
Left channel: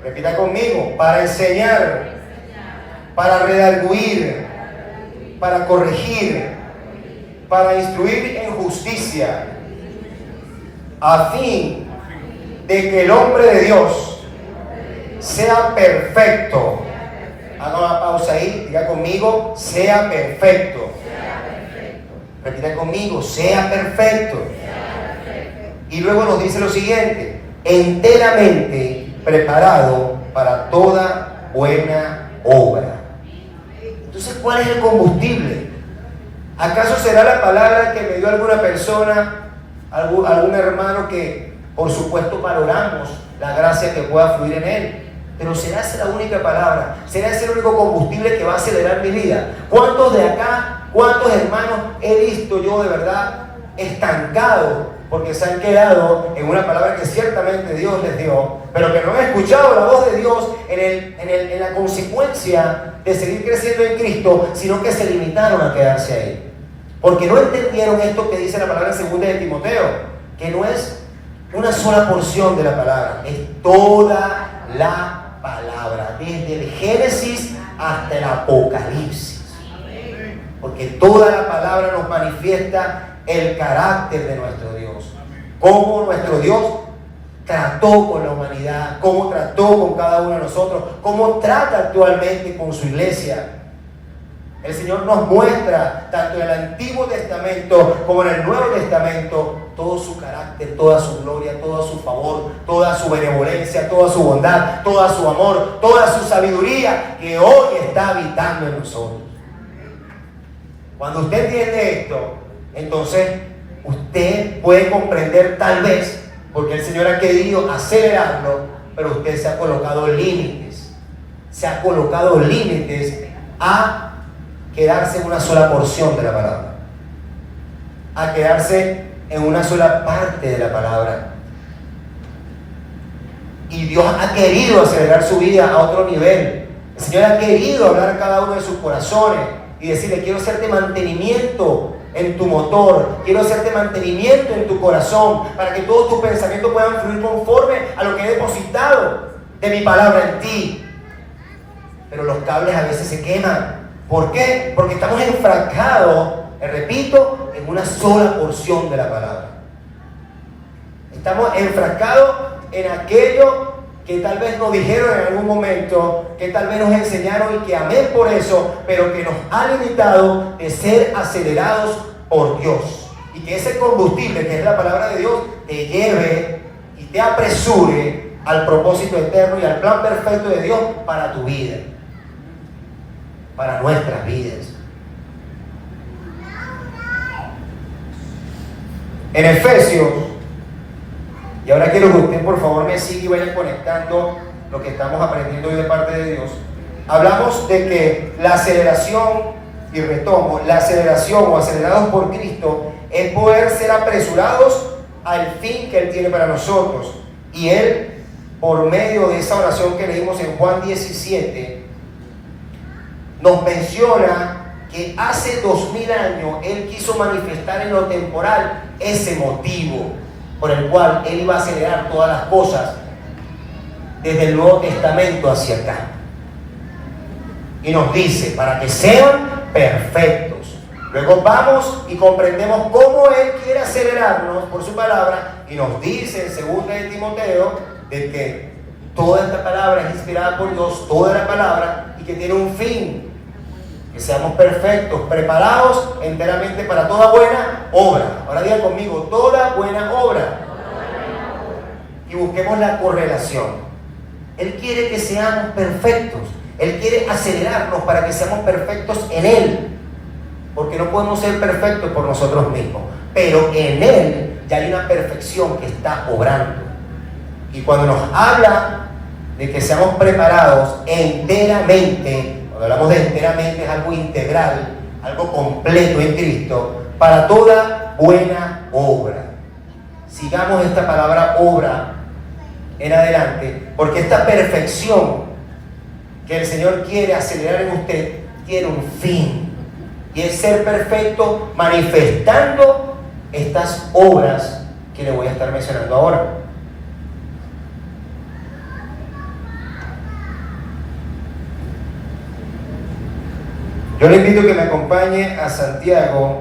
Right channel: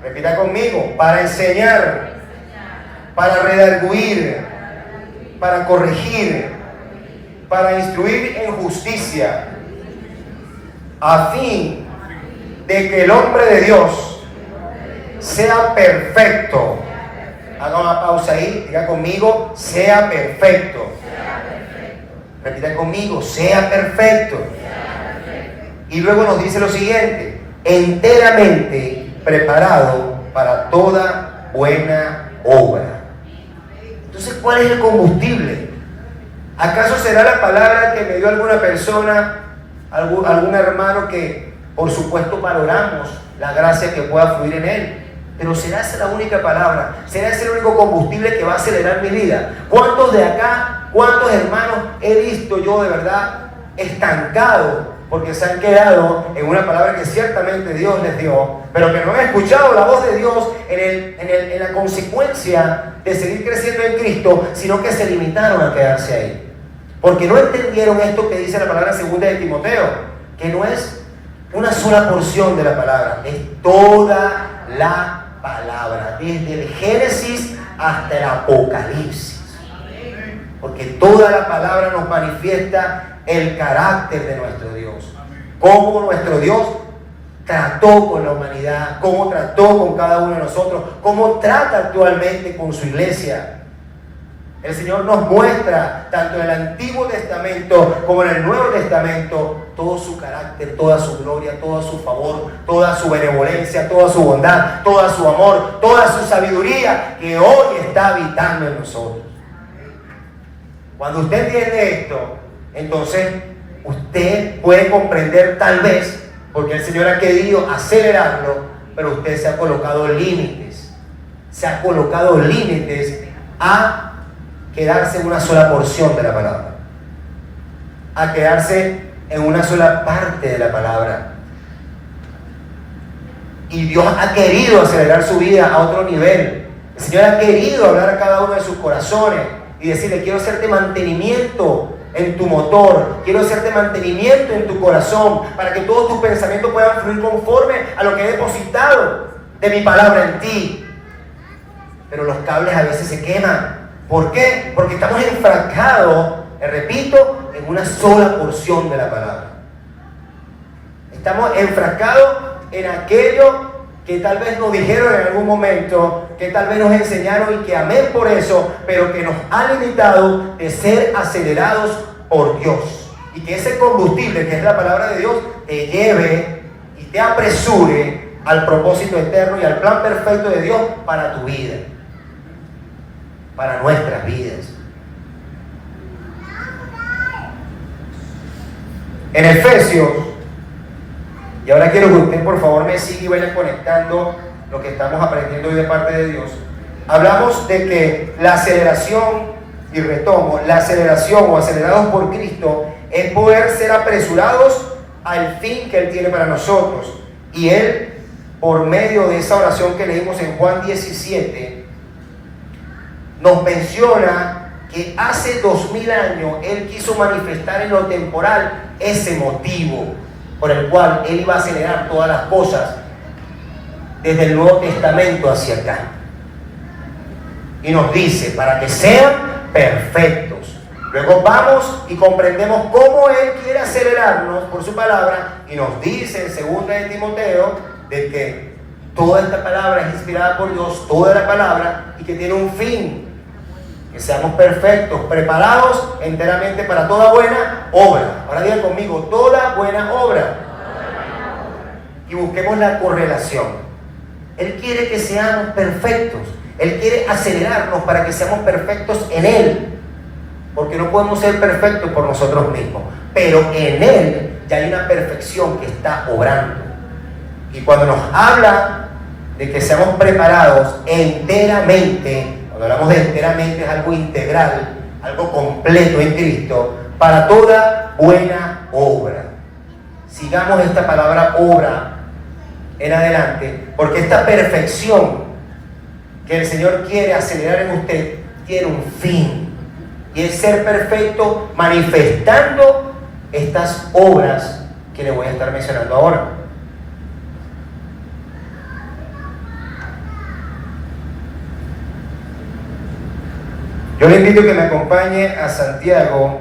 repita conmigo, para enseñar, para redarguir, para corregir, para instruir en justicia, a fin de que el hombre de Dios sea perfecto. Haga una pausa ahí, diga conmigo, sea perfecto. Repita conmigo, sea perfecto. Y luego nos dice lo siguiente: enteramente preparado para toda buena obra. Entonces, ¿cuál es el combustible? ¿Acaso será la palabra que me dio alguna persona, algún hermano que por supuesto valoramos la gracia que pueda fluir en él? Pero ¿será esa la única palabra? ¿Será ese el único combustible que va a acelerar mi vida? ¿Cuántos de acá, cuántos hermanos he visto yo de verdad estancados porque se han quedado en una palabra que ciertamente Dios les dio, pero que no han escuchado la voz de Dios en la consecuencia de seguir creciendo en Cristo, sino que se limitaron a quedarse ahí? Porque no entendieron esto que dice la palabra segunda de Timoteo, que no es una sola porción de la palabra, es toda la palabra, desde el Génesis hasta el Apocalipsis. Porque toda la palabra nos manifiesta el carácter de nuestro Dios, cómo nuestro Dios trató con la humanidad, cómo trató con cada uno de nosotros, cómo trata actualmente con su iglesia. El Señor nos muestra, tanto en el Antiguo Testamento como en el Nuevo Testamento, todo su carácter, toda su gloria, todo su favor, toda su benevolencia, toda su bondad, todo su amor, toda su sabiduría que hoy está habitando en nosotros. Cuando usted entiende esto, entonces usted puede comprender tal vez, porque el Señor ha querido acelerarlo, pero usted se ha colocado límites. Se ha colocado límites a quedarse en una sola porción de la palabra, a quedarse en una sola parte de la palabra. Y Dios ha querido acelerar su vida a otro nivel. El Señor ha querido hablar a cada uno de sus corazones y decirle: quiero hacerte mantenimiento en tu motor, quiero hacerte mantenimiento en tu corazón, para que todos tus pensamientos puedan fluir conforme a lo que he depositado de mi palabra en ti. Pero los cables a veces se queman. ¿Por qué? Porque estamos enfrascados, repito, en una sola porción de la palabra. Estamos enfrascados en aquello que tal vez nos dijeron en algún momento, que tal vez nos enseñaron y que amén por eso, pero que nos ha limitado de ser acelerados por Dios. Y que ese combustible, que es la palabra de Dios, te lleve y te apresure al propósito eterno y al plan perfecto de Dios para tu vida, para nuestras vidas. En Efesios, y ahora quiero que usted por favor me siga y vaya conectando lo que estamos aprendiendo hoy de parte de Dios. Hablamos de que la aceleración, y retomo, la aceleración o acelerados por Cristo es poder ser apresurados al fin que Él tiene para nosotros. Y Él, por medio de esa oración que leímos en Juan 17, nos menciona que hace 2000 años Él quiso manifestar en lo temporal ese motivo por el cual Él iba a acelerar todas las cosas desde el Nuevo Testamento hacia acá. Y nos dice, para que sean perfectos. Luego vamos y comprendemos cómo Él quiere acelerarnos por su palabra, y nos dice en 2 de Timoteo de que toda esta palabra es inspirada por Dios, toda la palabra, y que tiene un fin: que seamos perfectos, preparados enteramente para toda buena obra. Ahora digan conmigo, toda buena obra. Y busquemos la correlación. Él quiere que seamos perfectos. Él quiere acelerarnos para que seamos perfectos en Él. Porque no podemos ser perfectos por nosotros mismos. Pero en Él ya hay una perfección que está obrando. Y cuando nos habla de que seamos preparados enteramente, cuando hablamos de enteramente, es algo integral, algo completo en Cristo, para toda buena obra. Sigamos esta palabra obra en adelante, porque esta perfección que el Señor quiere acelerar en usted tiene un fin, y es ser perfecto manifestando estas obras que le voy a estar mencionando ahora. Yo le invito a que me acompañe a Santiago,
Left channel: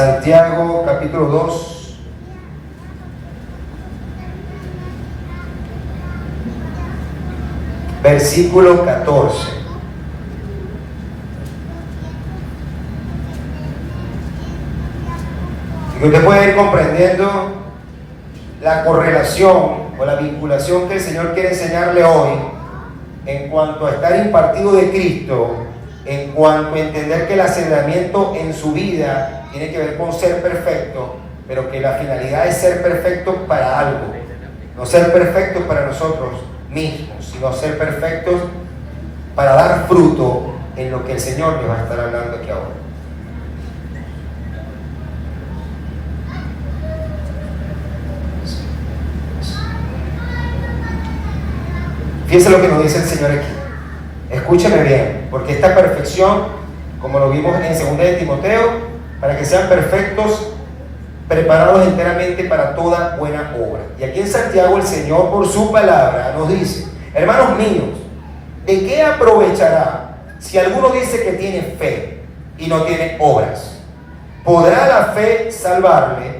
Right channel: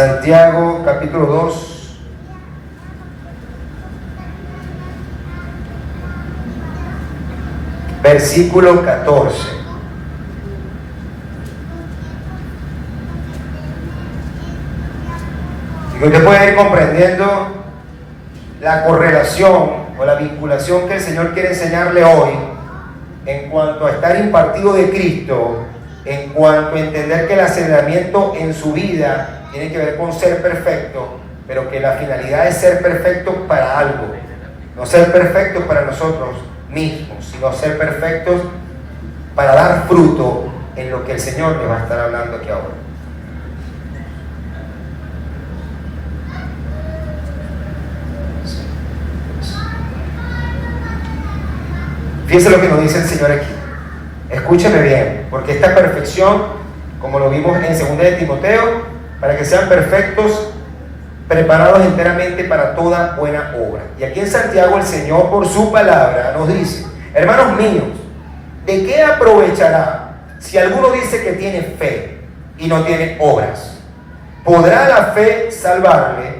Santiago capítulo 2, versículo 14. Y que usted puede ir comprendiendo la correlación o la vinculación que el Señor quiere enseñarle hoy en cuanto a estar impartido de Cristo, en cuanto a entender que el aceleramiento en su vida tiene que ver con ser perfecto, pero que la finalidad es ser perfecto para algo, no ser perfectos para nosotros mismos, sino ser perfectos para dar fruto en lo que el Señor le va a estar hablando aquí ahora. Fíjense lo que nos dice el Señor aquí. Escúcheme bien, porque esta perfección, como lo vimos en 2 de Timoteo, para que sean perfectos, preparados enteramente para toda buena obra. Y aquí en Santiago el Señor, por su palabra, nos dice: hermanos míos, ¿de qué aprovechará si alguno dice que tiene fe y no tiene obras? ¿Podrá la fe salvarle?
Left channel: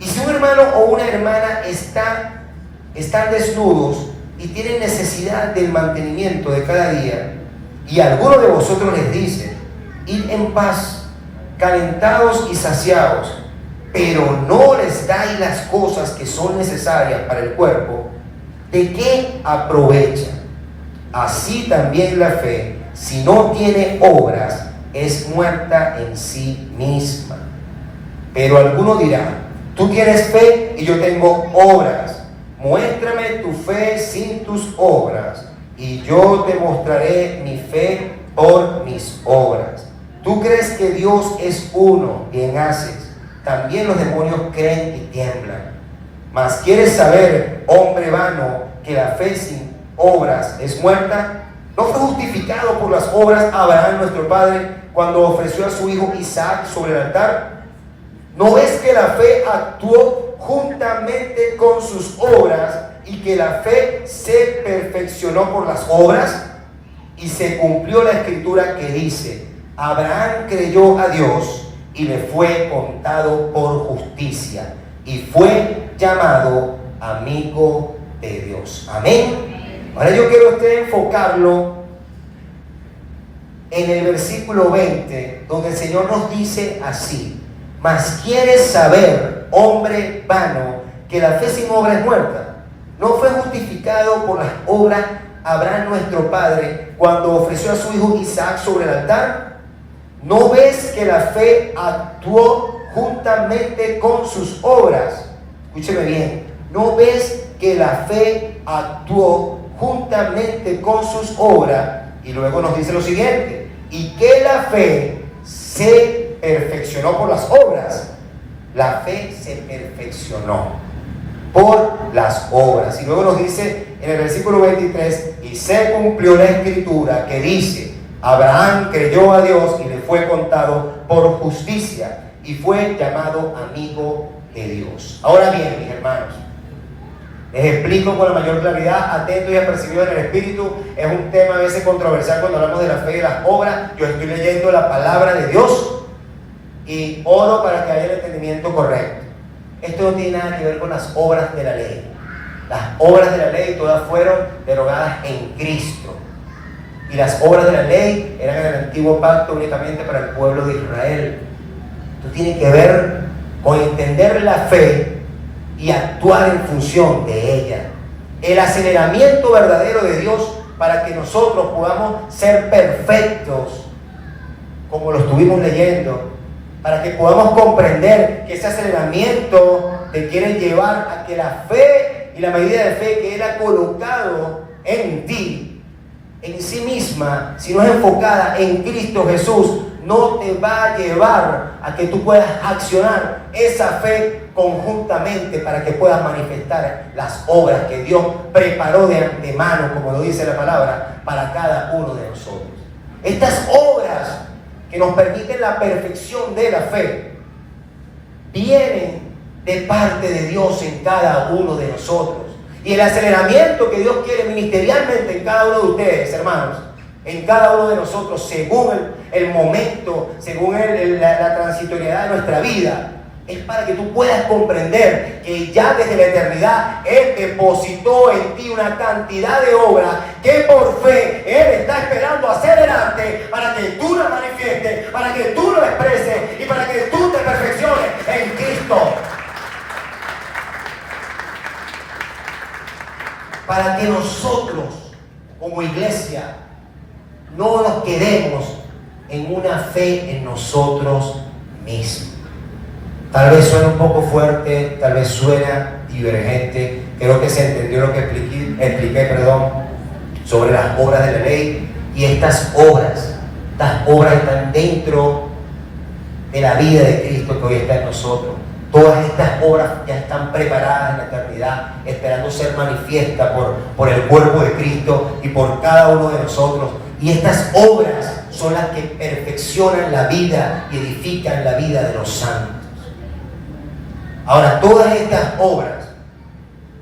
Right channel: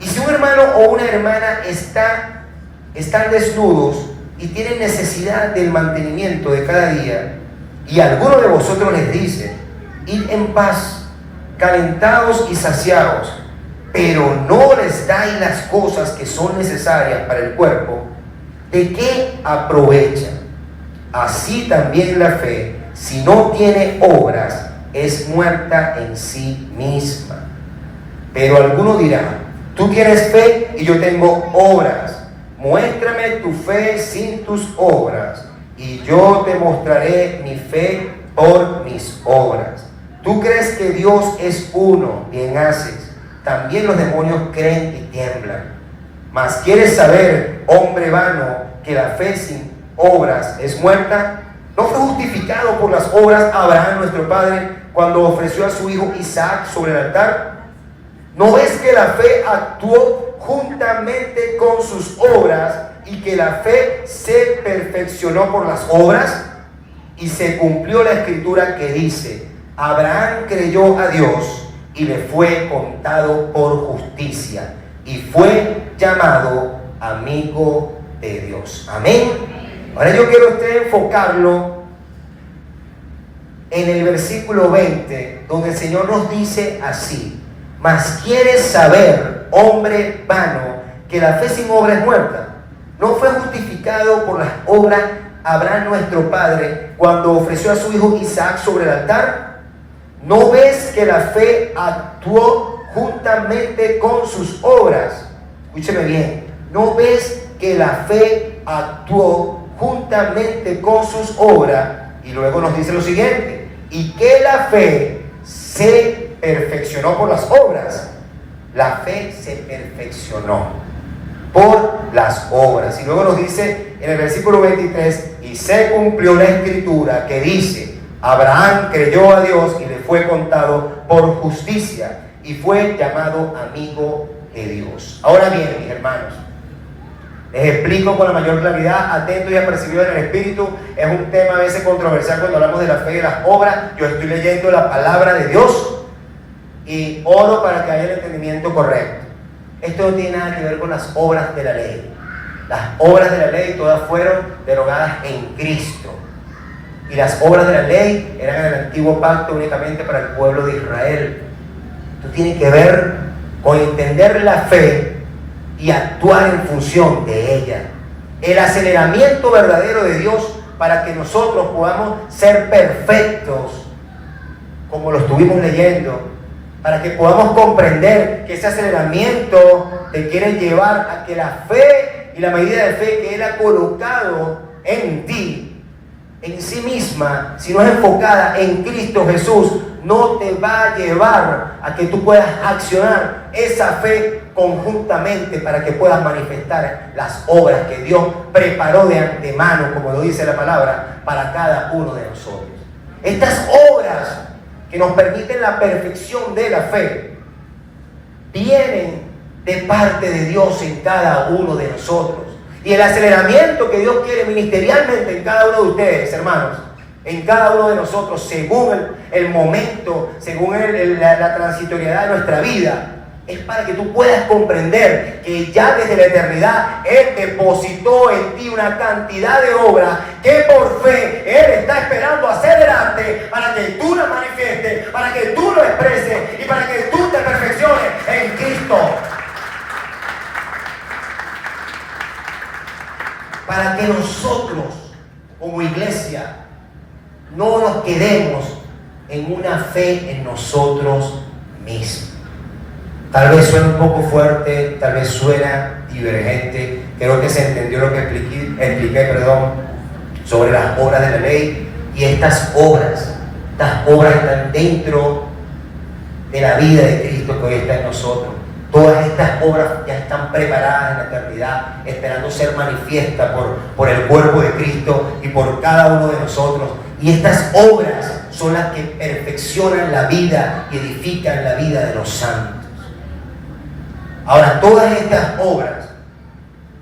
Y si un hermano o una hermana están desnudos y tienen necesidad del mantenimiento de cada día, y alguno de vosotros les dice: id en paz, calentados y saciados, pero no les dais las cosas que son necesarias para el cuerpo, ¿de qué aprovecha? Así también la fe, si no tiene obras, es muerta en sí misma. Pero alguno dirá: tú tienes fe y yo tengo obras. Muéstrame tu fe sin tus obras, y yo te mostraré mi fe por mis obras. Tú crees que Dios es uno, bien haces. También los demonios creen y tiemblan. Mas ¿quieres saber, hombre vano, que la fe sin obras es muerta? ¿No fue justificado por las obras Abraham, nuestro padre, cuando ofreció a su hijo Isaac sobre el altar? ¿No ves que la fe actuó juntamente con sus obras, y que la fe se perfeccionó por las obras? Y se cumplió la escritura que dice: Abraham creyó a Dios y le fue contado por justicia, y fue llamado amigo de Dios. Amén. Ahora yo quiero usted enfocarlo en el versículo 20, donde el Señor nos dice así: mas ¿quieres saber, hombre vano, que la fe sin obra es muerta? ¿No fue justificado por las obras Abraham nuestro padre cuando ofreció a su hijo Isaac sobre el altar? ¿No ves que la fe actuó juntamente con sus obras? Escúcheme bien. ¿No ves que la fe actuó juntamente con sus obras? Y luego nos dice lo siguiente: y que la fe se perfeccionó por las obras. La fe se perfeccionó por las obras. Y luego nos dice en el versículo 23: y se cumplió la escritura que dice: Abraham creyó a Dios y le fue contado por justicia, y fue llamado amigo de Dios. Ahora bien, mis hermanos, les explico con la mayor claridad, atento y apercibido en el Espíritu. Es un tema a veces controversial cuando hablamos de la fe y de las obras. Yo estoy leyendo la palabra de Dios y oro para que haya el entendimiento correcto. Esto no tiene nada que ver con las obras de la ley. Las obras de la ley todas fueron derogadas en Cristo. Y las obras de la ley eran en el antiguo pacto únicamente para el pueblo de Israel. Esto tiene que ver con entender la fe y actuar en función de ella. El aceleramiento verdadero de Dios para que nosotros podamos ser perfectos, como lo estuvimos leyendo, para que podamos comprender que ese aceleramiento te quiere llevar a que la fe y la medida de fe que Él ha colocado en ti, en sí misma, si no es enfocada en Cristo Jesús, no te va a llevar a que tú puedas accionar esa fe conjuntamente para que puedas manifestar las obras que Dios preparó de antemano, como lo dice la palabra, para cada uno de nosotros. Estas obras que nos permiten la perfección de la fe vienen de parte de Dios en cada uno de nosotros. Y el aceleramiento que Dios quiere ministerialmente en cada uno de ustedes, hermanos, en cada uno de nosotros, según el momento, según la transitoriedad de nuestra vida, es para que tú puedas comprender que ya desde la eternidad Él depositó en ti una cantidad de obras que por fe Él está esperando acelerarte para que tú las manifiestes, para que tú lo expreses y para que tú te perfecciones en Cristo. Para que nosotros, como iglesia, no nos quedemos en una fe en nosotros mismos. Tal vez suena un poco fuerte, tal vez suena divergente. Creo que se entendió lo que expliqué, sobre las obras de la ley. Y estas obras están dentro de la vida de Cristo que hoy está en nosotros. Todas estas obras ya están preparadas en la eternidad, esperando ser manifiestas por el cuerpo de Cristo y por cada uno de nosotros. Y estas obras son las que perfeccionan la vida y edifican la vida de los santos. Ahora, todas estas obras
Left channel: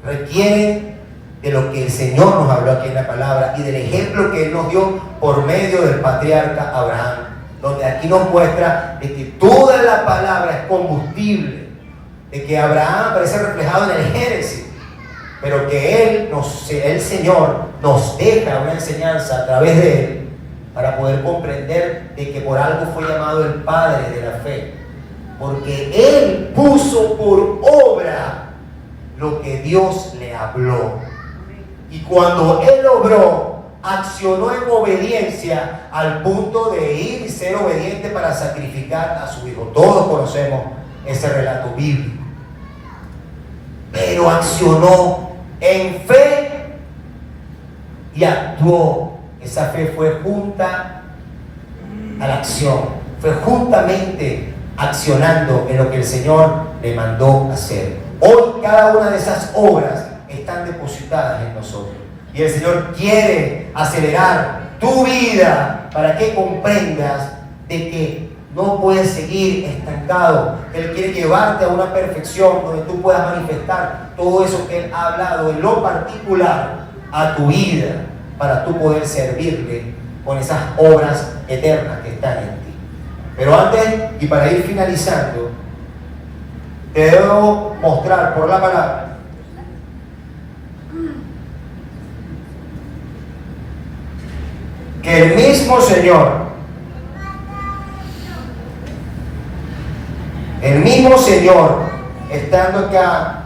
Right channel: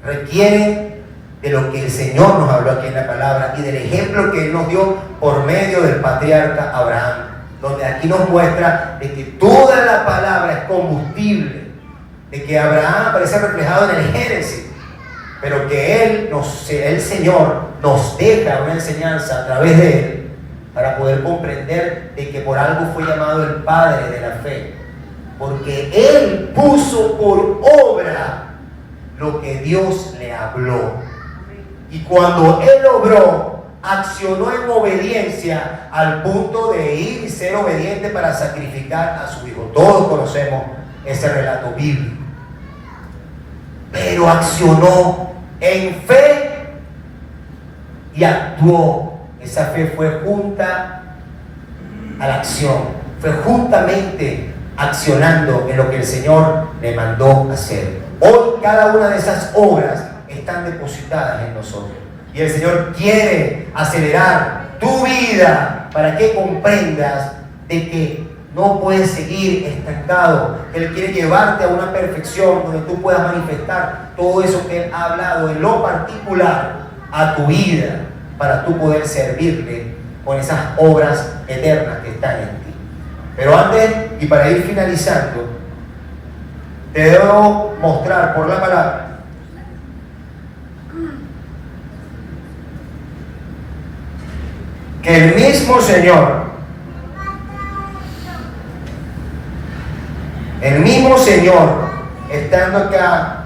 requieren de lo que el Señor nos habló aquí en la palabra y del ejemplo que Él nos dio por medio del patriarca Abraham, donde aquí nos muestra de que toda la palabra es combustible, de que Abraham aparece reflejado en el Génesis, pero que el Señor nos deja una enseñanza a través de Él para poder comprender de que por algo fue llamado el Padre de la fe, porque Él puso por obra lo que Dios le habló. Y cuando Él obró, accionó en obediencia al punto de ir y ser obediente para sacrificar a su hijo. Todos conocemos ese relato bíblico. Pero accionó en fe y actuó. Esa fe fue junta a la acción. Fue juntamente accionando en lo que el Señor le mandó hacer. Hoy cada una de esas obras están depositadas en nosotros. Y el Señor quiere acelerar tu vida para que comprendas de que no puedes seguir estancado. Él quiere llevarte a una perfección donde tú puedas manifestar todo eso que Él ha hablado en lo particular a tu vida para tú poder servirle con esas obras eternas que están en ti. Pero antes, y para ir finalizando, te debo mostrar por la palabra que el mismo Señor, estando acá,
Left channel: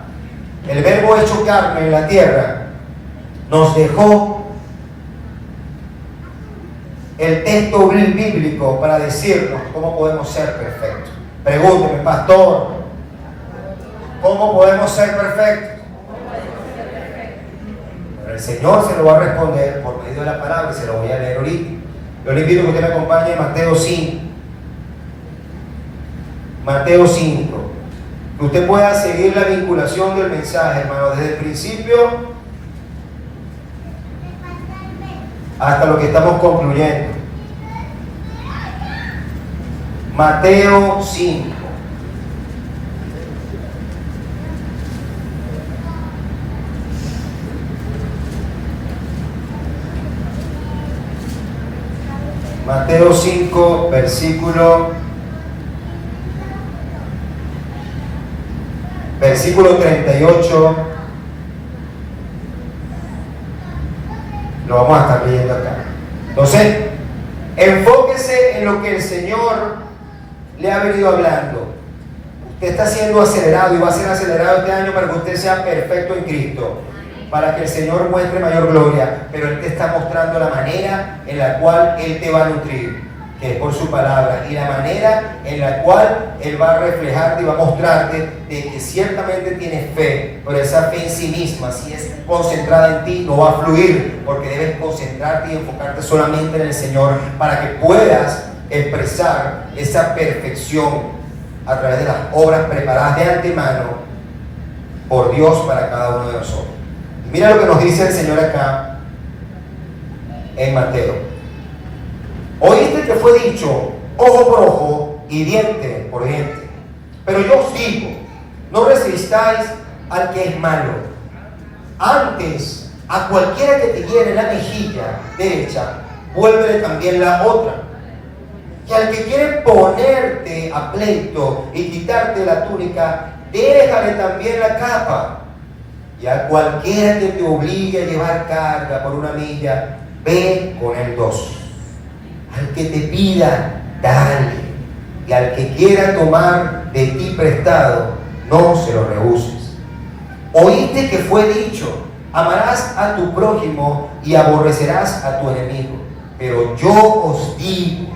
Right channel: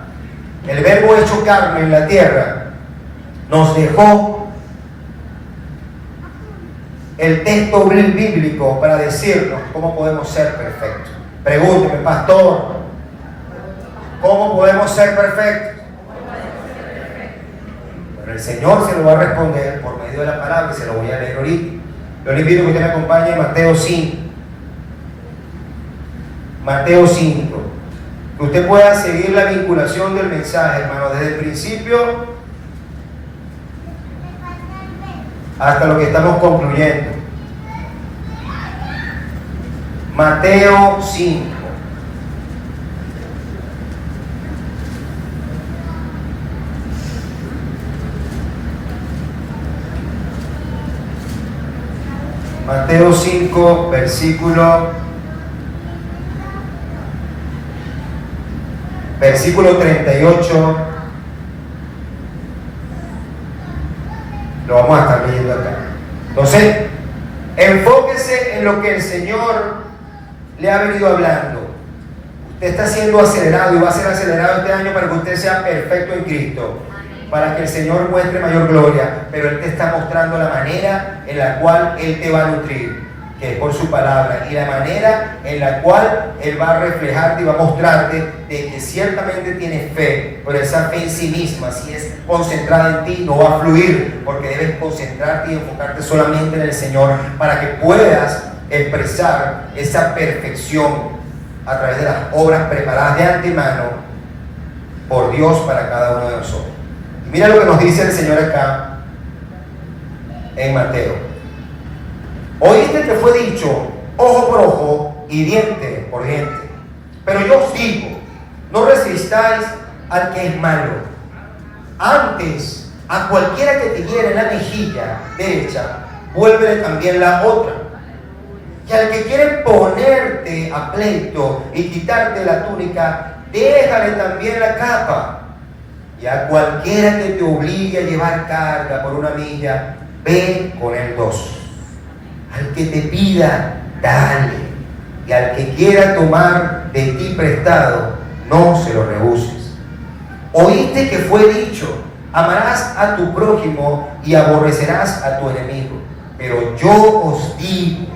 el Verbo hecho carne en la tierra, nos dejó el texto bíblico para decirnos cómo podemos ser perfectos. Pregúnteme, pastor, ¿cómo podemos ser perfectos? Bueno, el Señor se lo va a responder por medio de la palabra, que se lo voy a leer ahorita. Yo le invito a que usted me acompañe en Mateo 5. Mateo 5. Que usted pueda seguir la vinculación del mensaje, hermano, desde el principio hasta lo que estamos concluyendo. Mateo 5. Mateo 5, versículo 38. Lo vamos a estar leyendo acá. Entonces, enfóquese en lo que el Señor le ha venido hablando. Usted está siendo acelerado y va a ser acelerado este año para que usted sea perfecto en Cristo, para que el Señor muestre mayor gloria. Pero Él te está mostrando la manera en la cual Él te va a nutrir, que es por su palabra, y la manera en la cual Él va a reflejarte y va a mostrarte de que ciertamente tienes fe, pero esa fe en sí misma, si es concentrada en ti, no va a fluir, porque debes concentrarte y enfocarte solamente en el Señor para que puedas expresar esa perfección a través de las obras preparadas de antemano por Dios para cada uno de nosotros. Y mira lo que nos dice el Señor acá en Mateo. Oíste que fue dicho ojo por ojo y diente por diente. Pero yo os digo, no resistáis al que es malo. Antes, a cualquiera que te hiere la mejilla derecha, vuélvele también la otra. Y al que quiere ponerte a pleito y quitarte la túnica, déjale también la capa. Y a cualquiera que te obligue a llevar carga por 1 milla, ve con él 2. Al que te pida, dale. Y al que quiera tomar de ti prestado, no se lo rehuses. Oíste que fue dicho: amarás a tu prójimo y aborrecerás a tu enemigo. Pero yo os digo:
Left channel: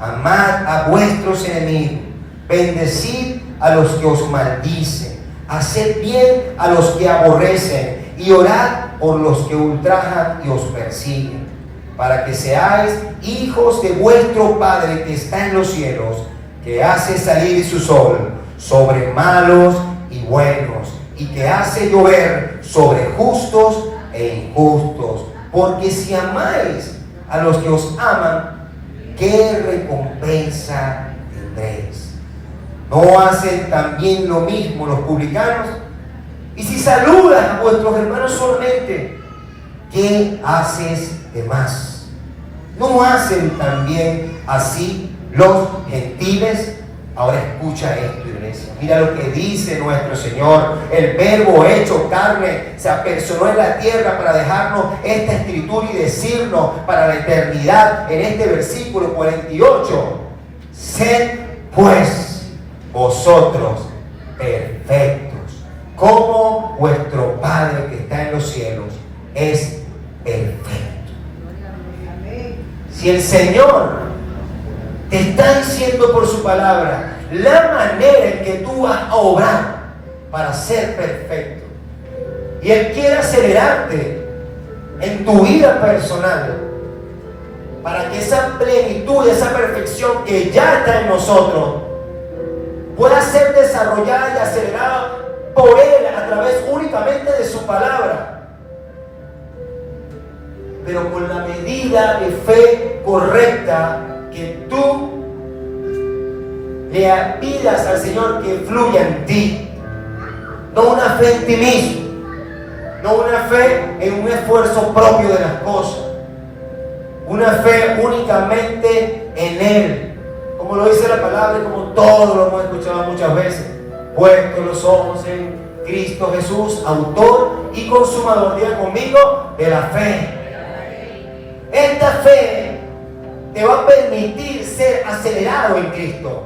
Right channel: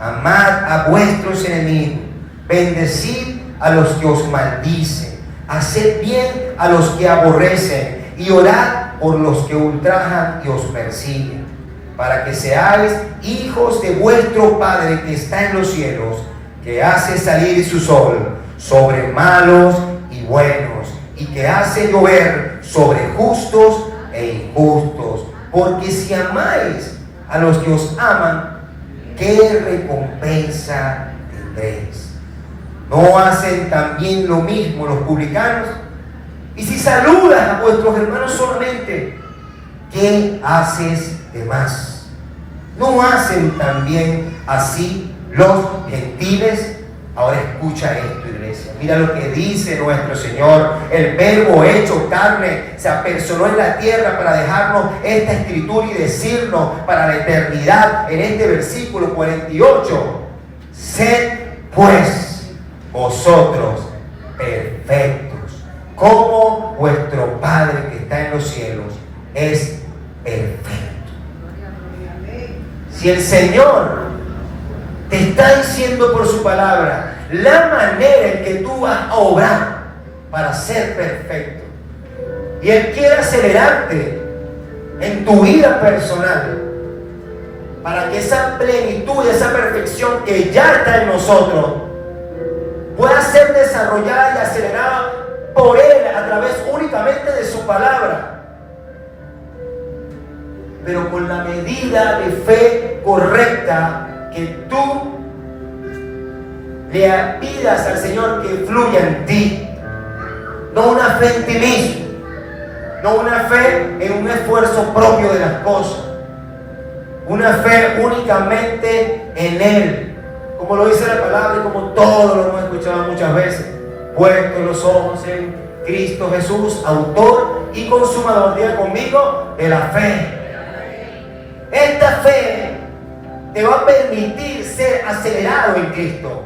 amad a vuestros enemigos, bendecid a los que os maldicen, haced bien a los que aborrecen y orad por los que ultrajan y os persiguen, para que seáis hijos de vuestro Padre que está en los cielos, que hace salir su sol sobre malos y buenos, y que hace llover sobre justos e injustos. Porque si amáis a los que os aman, ¿qué recompensa tendréis? ¿No hacen también lo mismo los publicanos? Y si saludan a vuestros hermanos solamente, ¿qué haces de más? ¿No hacen también así los gentiles? Ahora escucha esto, iglesia. Mira lo que dice nuestro Señor. El Verbo hecho carne se apersonó en la tierra para dejarnos esta escritura y decirnos para la eternidad en este versículo 48: sed pues vosotros perfectos, como vuestro Padre que está en los cielos es perfecto. Si el Señor te está diciendo por su palabra la manera en que tú vas a obrar para ser perfecto, y Él quiere acelerarte en tu vida personal para que esa plenitud, esa perfección que ya está en nosotros pueda ser desarrollada y acelerada por Él a través únicamente de su palabra, pero con la medida de fe correcta que tú le pidas al Señor que fluya en ti. No una fe en ti mismo, no una fe en un esfuerzo propio de las cosas, una fe únicamente en Él, como lo dice la palabra y como todos lo hemos escuchado muchas veces: puestos los ojos en Cristo Jesús, autor y consumador, diga conmigo, de la fe. Esta fe te va a permitir ser acelerado en Cristo.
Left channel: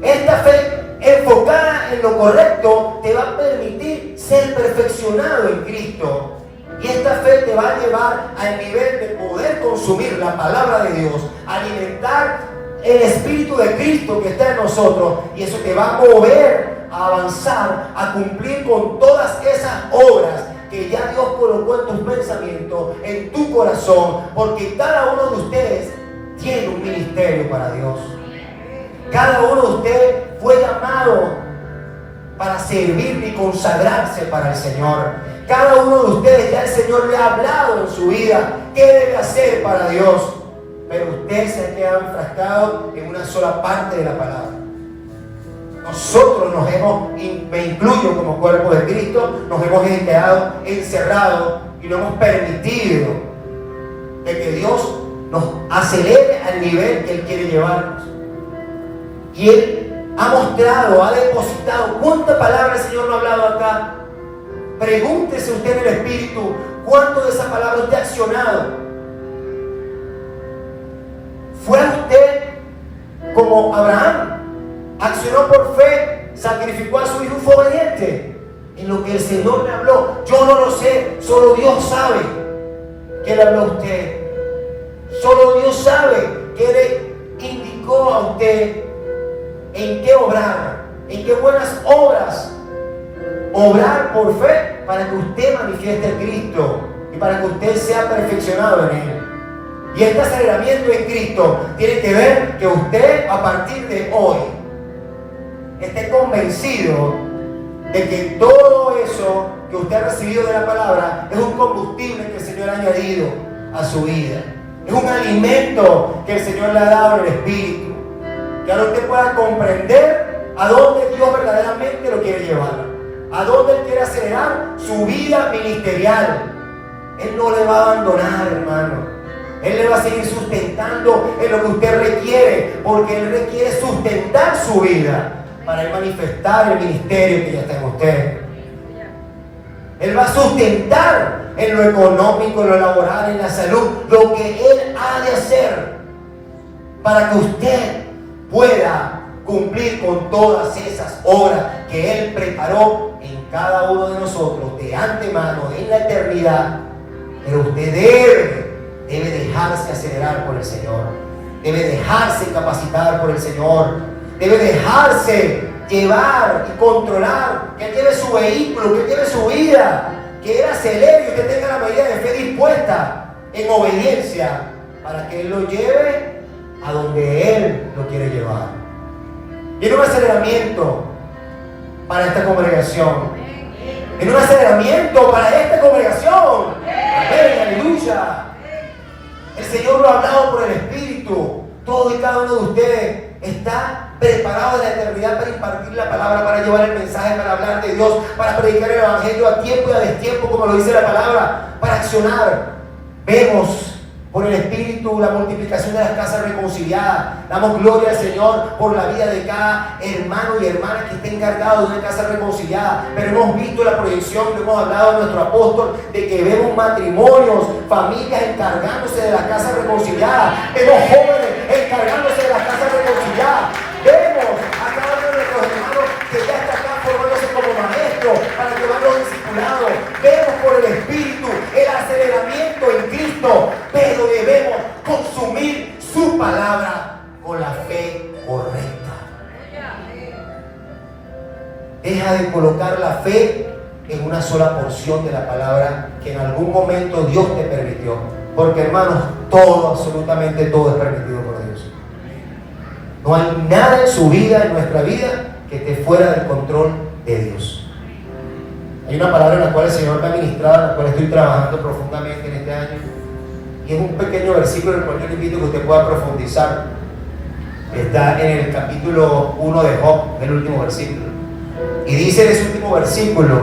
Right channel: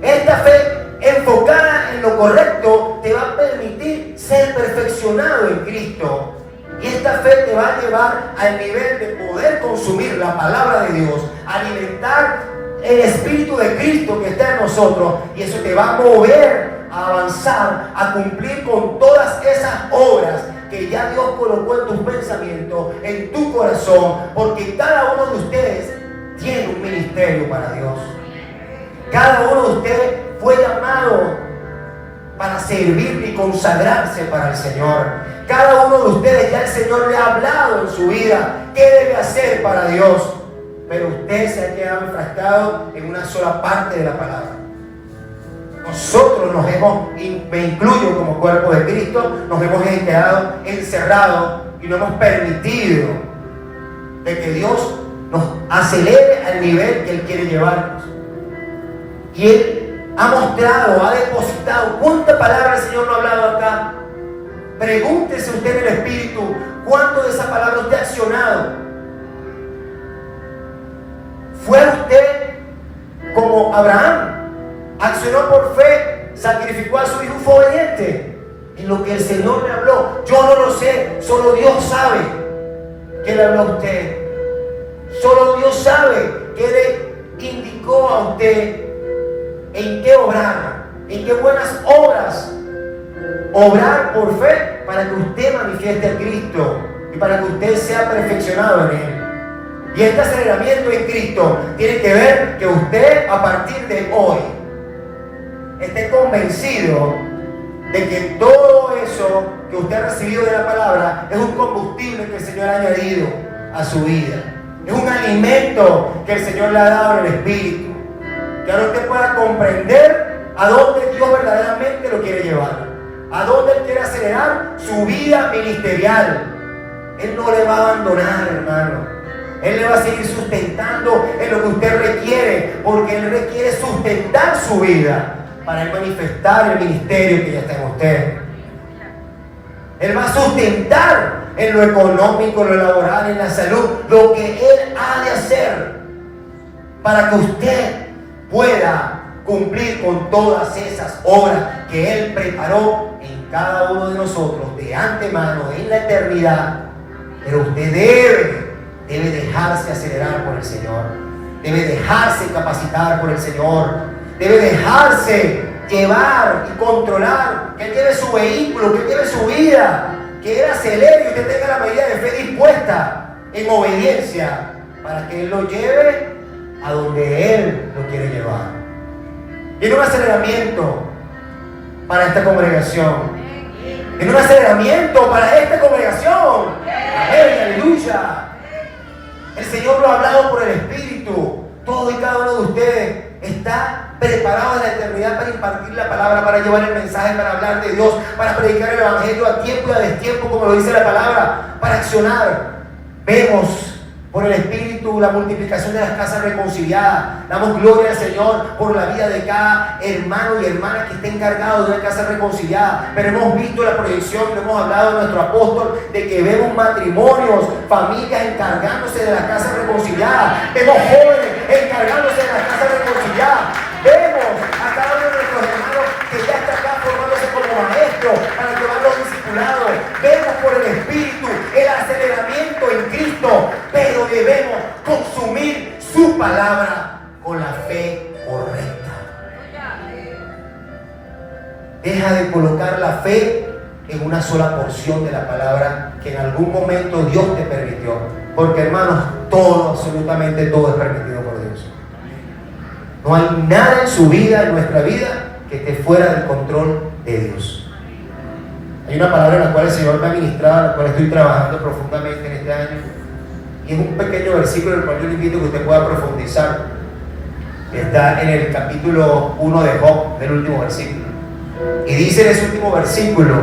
Esta fe enfocada en lo correcto te va a permitir ser perfeccionado en Cristo. Y esta fe te va a llevar al nivel de poder consumir la palabra de Dios, alimentar el Espíritu de Cristo que está en nosotros. Y eso te va a mover a avanzar, a cumplir con todas esas obras que ya Dios colocó en tus pensamientos, en tu corazón. Porque cada uno de ustedes tiene un ministerio para Dios. Cada uno de ustedes fue llamado para servir y consagrarse para el Señor. Cada uno de ustedes ya el Señor le ha hablado en su vida qué debe hacer para Dios. Pero usted se ha quedado enfrascado en una sola parte de la palabra. Nosotros me incluyo como cuerpo de Cristo, nos hemos quedado encerrados y no hemos permitido de que Dios nos acelere al nivel que Él quiere llevarnos. Y Él ha mostrado, ha depositado. ¿Cuánta palabra el Señor no ha hablado acá? Pregúntese usted en el Espíritu, ¿cuánto de esa palabra usted ha accionado? ¿Fue usted como Abraham? Accionó por fe, sacrificó a su hijo, fue obediente en lo que el Señor le habló. Yo no lo sé, solo Dios sabe qué le habló a usted. Solo Dios sabe qué le indicó a usted en qué obrar, en qué buenas obras obrar por fe para que usted manifieste a Cristo y para que usted sea perfeccionado en Él. Y este aceleramiento en Cristo tiene que ver que usted a partir de hoy esté convencido de que todo eso que usted ha recibido de la palabra es un combustible que el Señor ha añadido a su vida. Es un alimento que el Señor le ha dado en el Espíritu. Que ahora usted pueda comprender a dónde Dios verdaderamente lo quiere llevar. A dónde Él quiere acelerar su vida ministerial. Él no le va a abandonar, hermano. Él le va a seguir sustentando en lo que usted requiere, porque Él requiere sustentar su vida para Él manifestar el ministerio que ya está en usted. Él va a sustentar en lo económico, en lo laboral, en la salud, lo que Él ha de hacer para que usted pueda cumplir con todas esas obras que Él preparó en cada uno de nosotros de antemano, en la eternidad. Pero usted debe dejarse acelerar por el Señor, debe dejarse capacitar por el Señor, debe dejarse llevar y controlar, que Él lleve su vehículo, que Él lleve su vida, que Él acelere y usted tenga la medida de fe dispuesta en obediencia para que Él lo lleve a donde Él lo quiere llevar. Viene un aceleramiento para esta congregación. Viene un aceleramiento para esta congregación. ¡Amén! ¡Aleluya! El Señor lo ha hablado por el Espíritu. Todo y cada uno de ustedes está preparado en la eternidad para impartir la palabra, para llevar el mensaje, para hablar de Dios, para predicar el Evangelio a tiempo y a destiempo, como lo dice la palabra, para accionar. Vemos por el Espíritu la multiplicación de las casas reconciliadas. Damos gloria al Señor por la vida de cada hermano y hermana que esté encargado de una casa reconciliada. Pero hemos visto la proyección, hemos hablado de nuestro apóstol, de que vemos matrimonios, familias encargándose de las casas reconciliadas. Vemos jóvenes encargándose de las casas reconciliadas. Vemos a cada uno de nuestros hermanos que ya está acá formándose como maestros para llevar los discipulados. Vemos por el Espíritu el aceleramiento en Cristo, pero debemos consumir su palabra con la fe correcta. Deja de colocar la fe en una sola porción de la palabra que en algún momento Dios te permitió, porque hermanos, todo, absolutamente todo es permitido por Dios. No hay nada en su vida, en nuestra vida, que esté fuera del control de Dios. Hay una palabra en la cual el Señor me ha ministrado, en la cual estoy trabajando profundamente en este año, y es un pequeño versículo en el cual yo le invito a que usted pueda profundizar. Está en el capítulo 1 de Job, el último versículo, y dice en ese último versículo:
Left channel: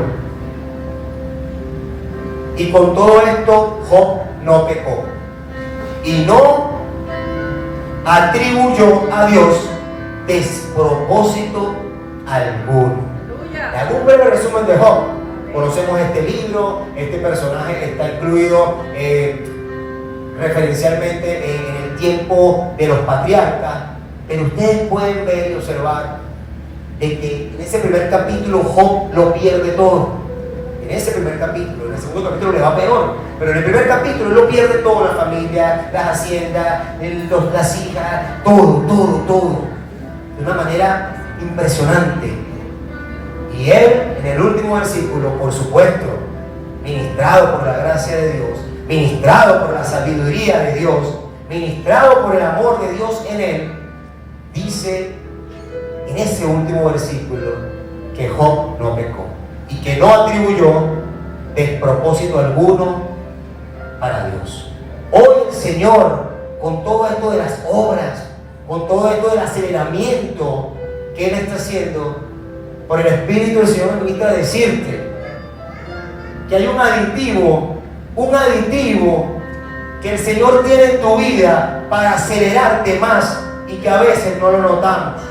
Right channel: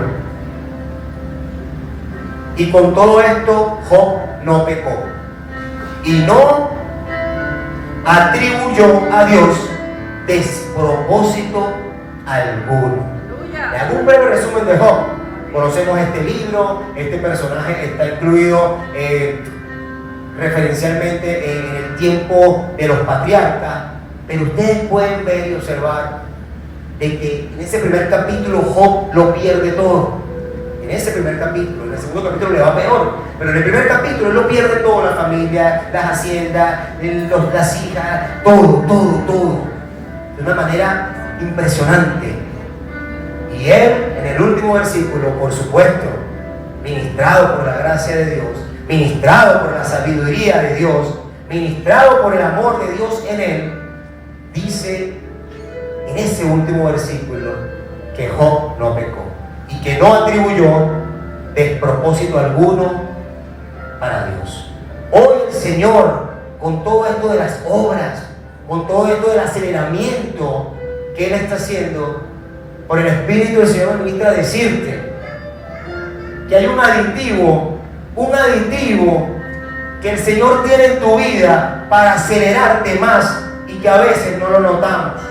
y con todo esto Job no pecó y no atribuyó a Dios despropósito alguno. Le hago un breve resumen de Job. Conocemos este libro, este personaje está incluido referencialmente en el tiempo de los patriarcas, pero ustedes pueden ver y observar de que en ese primer capítulo Job lo pierde todo. En ese primer capítulo, en el segundo capítulo le va peor, pero en el primer capítulo él lo pierde todo: la familia, las haciendas, las hijas, todo, de una manera impresionante. Y él, en el último versículo, por supuesto, ministrado por la gracia de Dios, ministrado por la sabiduría de Dios, ministrado por el amor de Dios en él, dice en ese último versículo que Job no pecó y que no atribuyó despropósito alguno para Dios. Hoy el Señor, con todo esto de las obras, con todo esto del aceleramiento que Él está haciendo, por el Espíritu del Señor me invita a decirte que hay un aditivo que el Señor tiene en tu vida para acelerarte más y que a veces no lo notamos.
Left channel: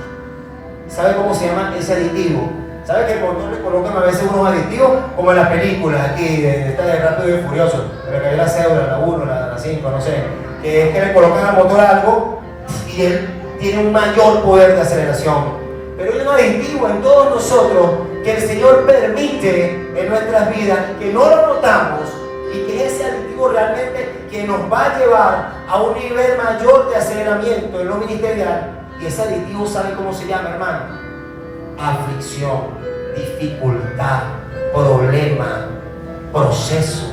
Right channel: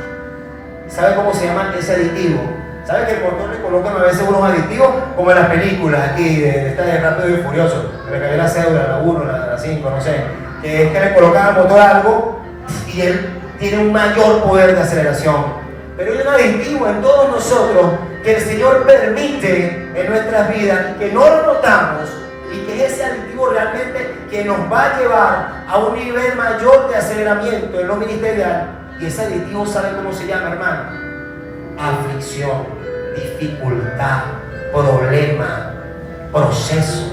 ¿Sabe cómo se llama ese aditivo? ¿Sabe que el motor le colocan a veces unos aditivos como en las películas aquí de esta de Rápido y Furioso? Me cayó la cédula, la 1, la 5, no sé, que es que le colocan al motor algo y él tiene un mayor poder de aceleración. Pero hay un aditivo en todos nosotros que el Señor permite en nuestras vidas, que no lo notamos, y que es ese aditivo realmente que nos va a llevar a un nivel mayor de aceleramiento en lo ministerial. Y ese aditivo, ¿sabe cómo se llama, hermano? Aflicción, dificultad, problema, proceso.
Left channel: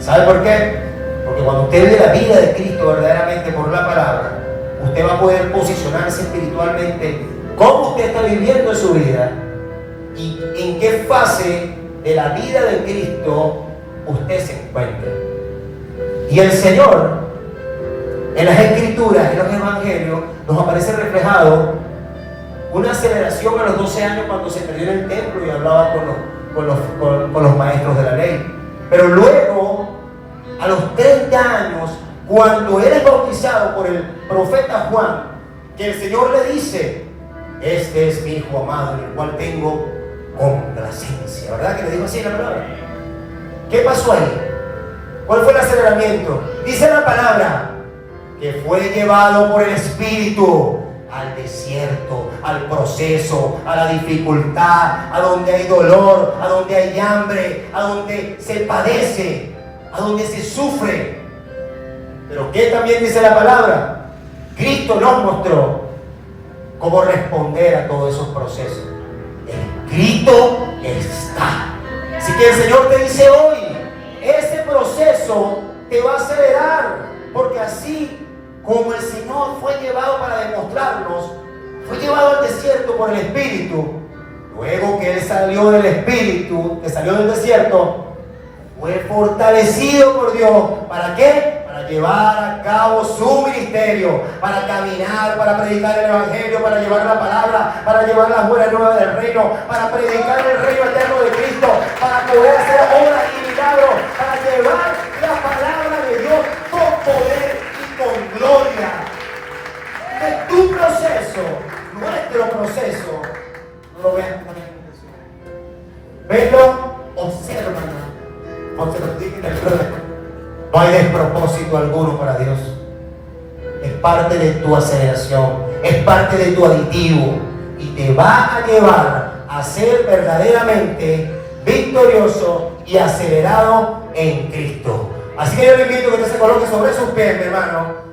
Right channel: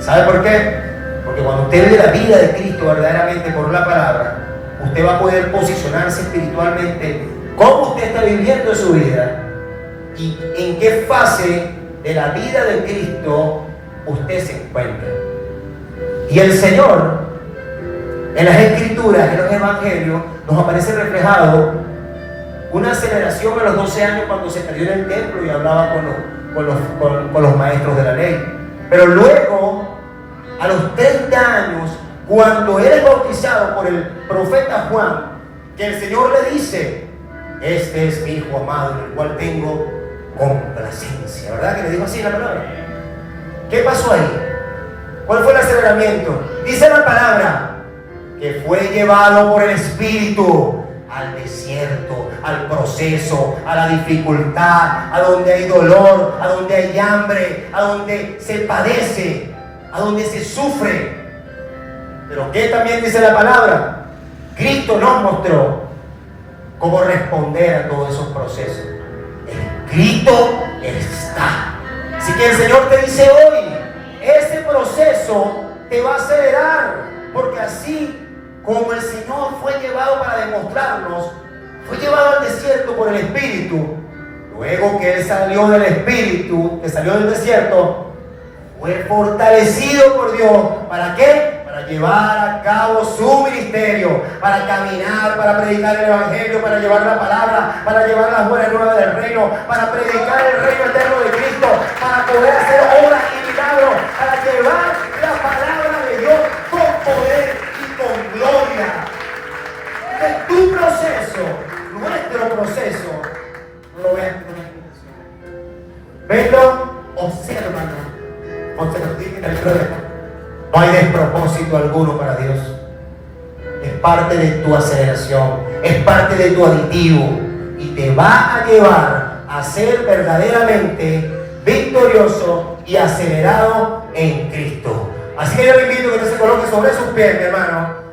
¿Sabe por qué? Porque cuando usted ve la vida de Cristo verdaderamente por la palabra, usted va a poder posicionarse espiritualmente cómo usted está viviendo su vida y en qué fase de la vida de Cristo usted se encuentra. Y el Señor, en las Escrituras, en los Evangelios, nos aparece reflejado una aceleración a los 12 años cuando se perdió en el templo y hablaba con los maestros de la ley. Pero luego, a los 30 años, cuando él es bautizado por el profeta Juan, que el Señor le dice: este es mi hijo amado, en el cual tengo complacencia. ¿Verdad que le dijo así la palabra? ¿Qué pasó ahí? ¿Cuál fue el aceleramiento? Dice la palabra que fue llevado por el Espíritu al desierto, al proceso, a la dificultad, a donde hay dolor, a donde hay hambre, a donde se padece, a donde se sufre. Pero ¿qué también dice la palabra? Cristo nos mostró cómo responder a todos esos procesos. Escrito está. Así que el Señor te dice hoy, ese proceso te va a acelerar, porque así como el Señor fue llevado para demostrarnos, fue llevado al desierto por el Espíritu, luego que Él salió del Espíritu, que salió del desierto, fue fortalecido por Dios. ¿Para qué? Para llevar a cabo su ministerio, para caminar, para predicar el Evangelio, para llevar la palabra, para llevar las buenas nuevas del reino, para predicar el reino eterno de Cristo, para poder hacer obras y milagros, para llevar la palabra de Dios con poder y con gloria. De tu proceso, nuestro proceso, no lo veas con intención. Venlo, obsérvalo. No te lo digan el problema. No hay despropósito alguno para Dios. Es parte de tu aceleración, es parte de tu aditivo, y te va a llevar a ser verdaderamente victorioso y acelerado en Cristo. Así que yo le invito a que usted se coloque sobre sus pies, mi hermano.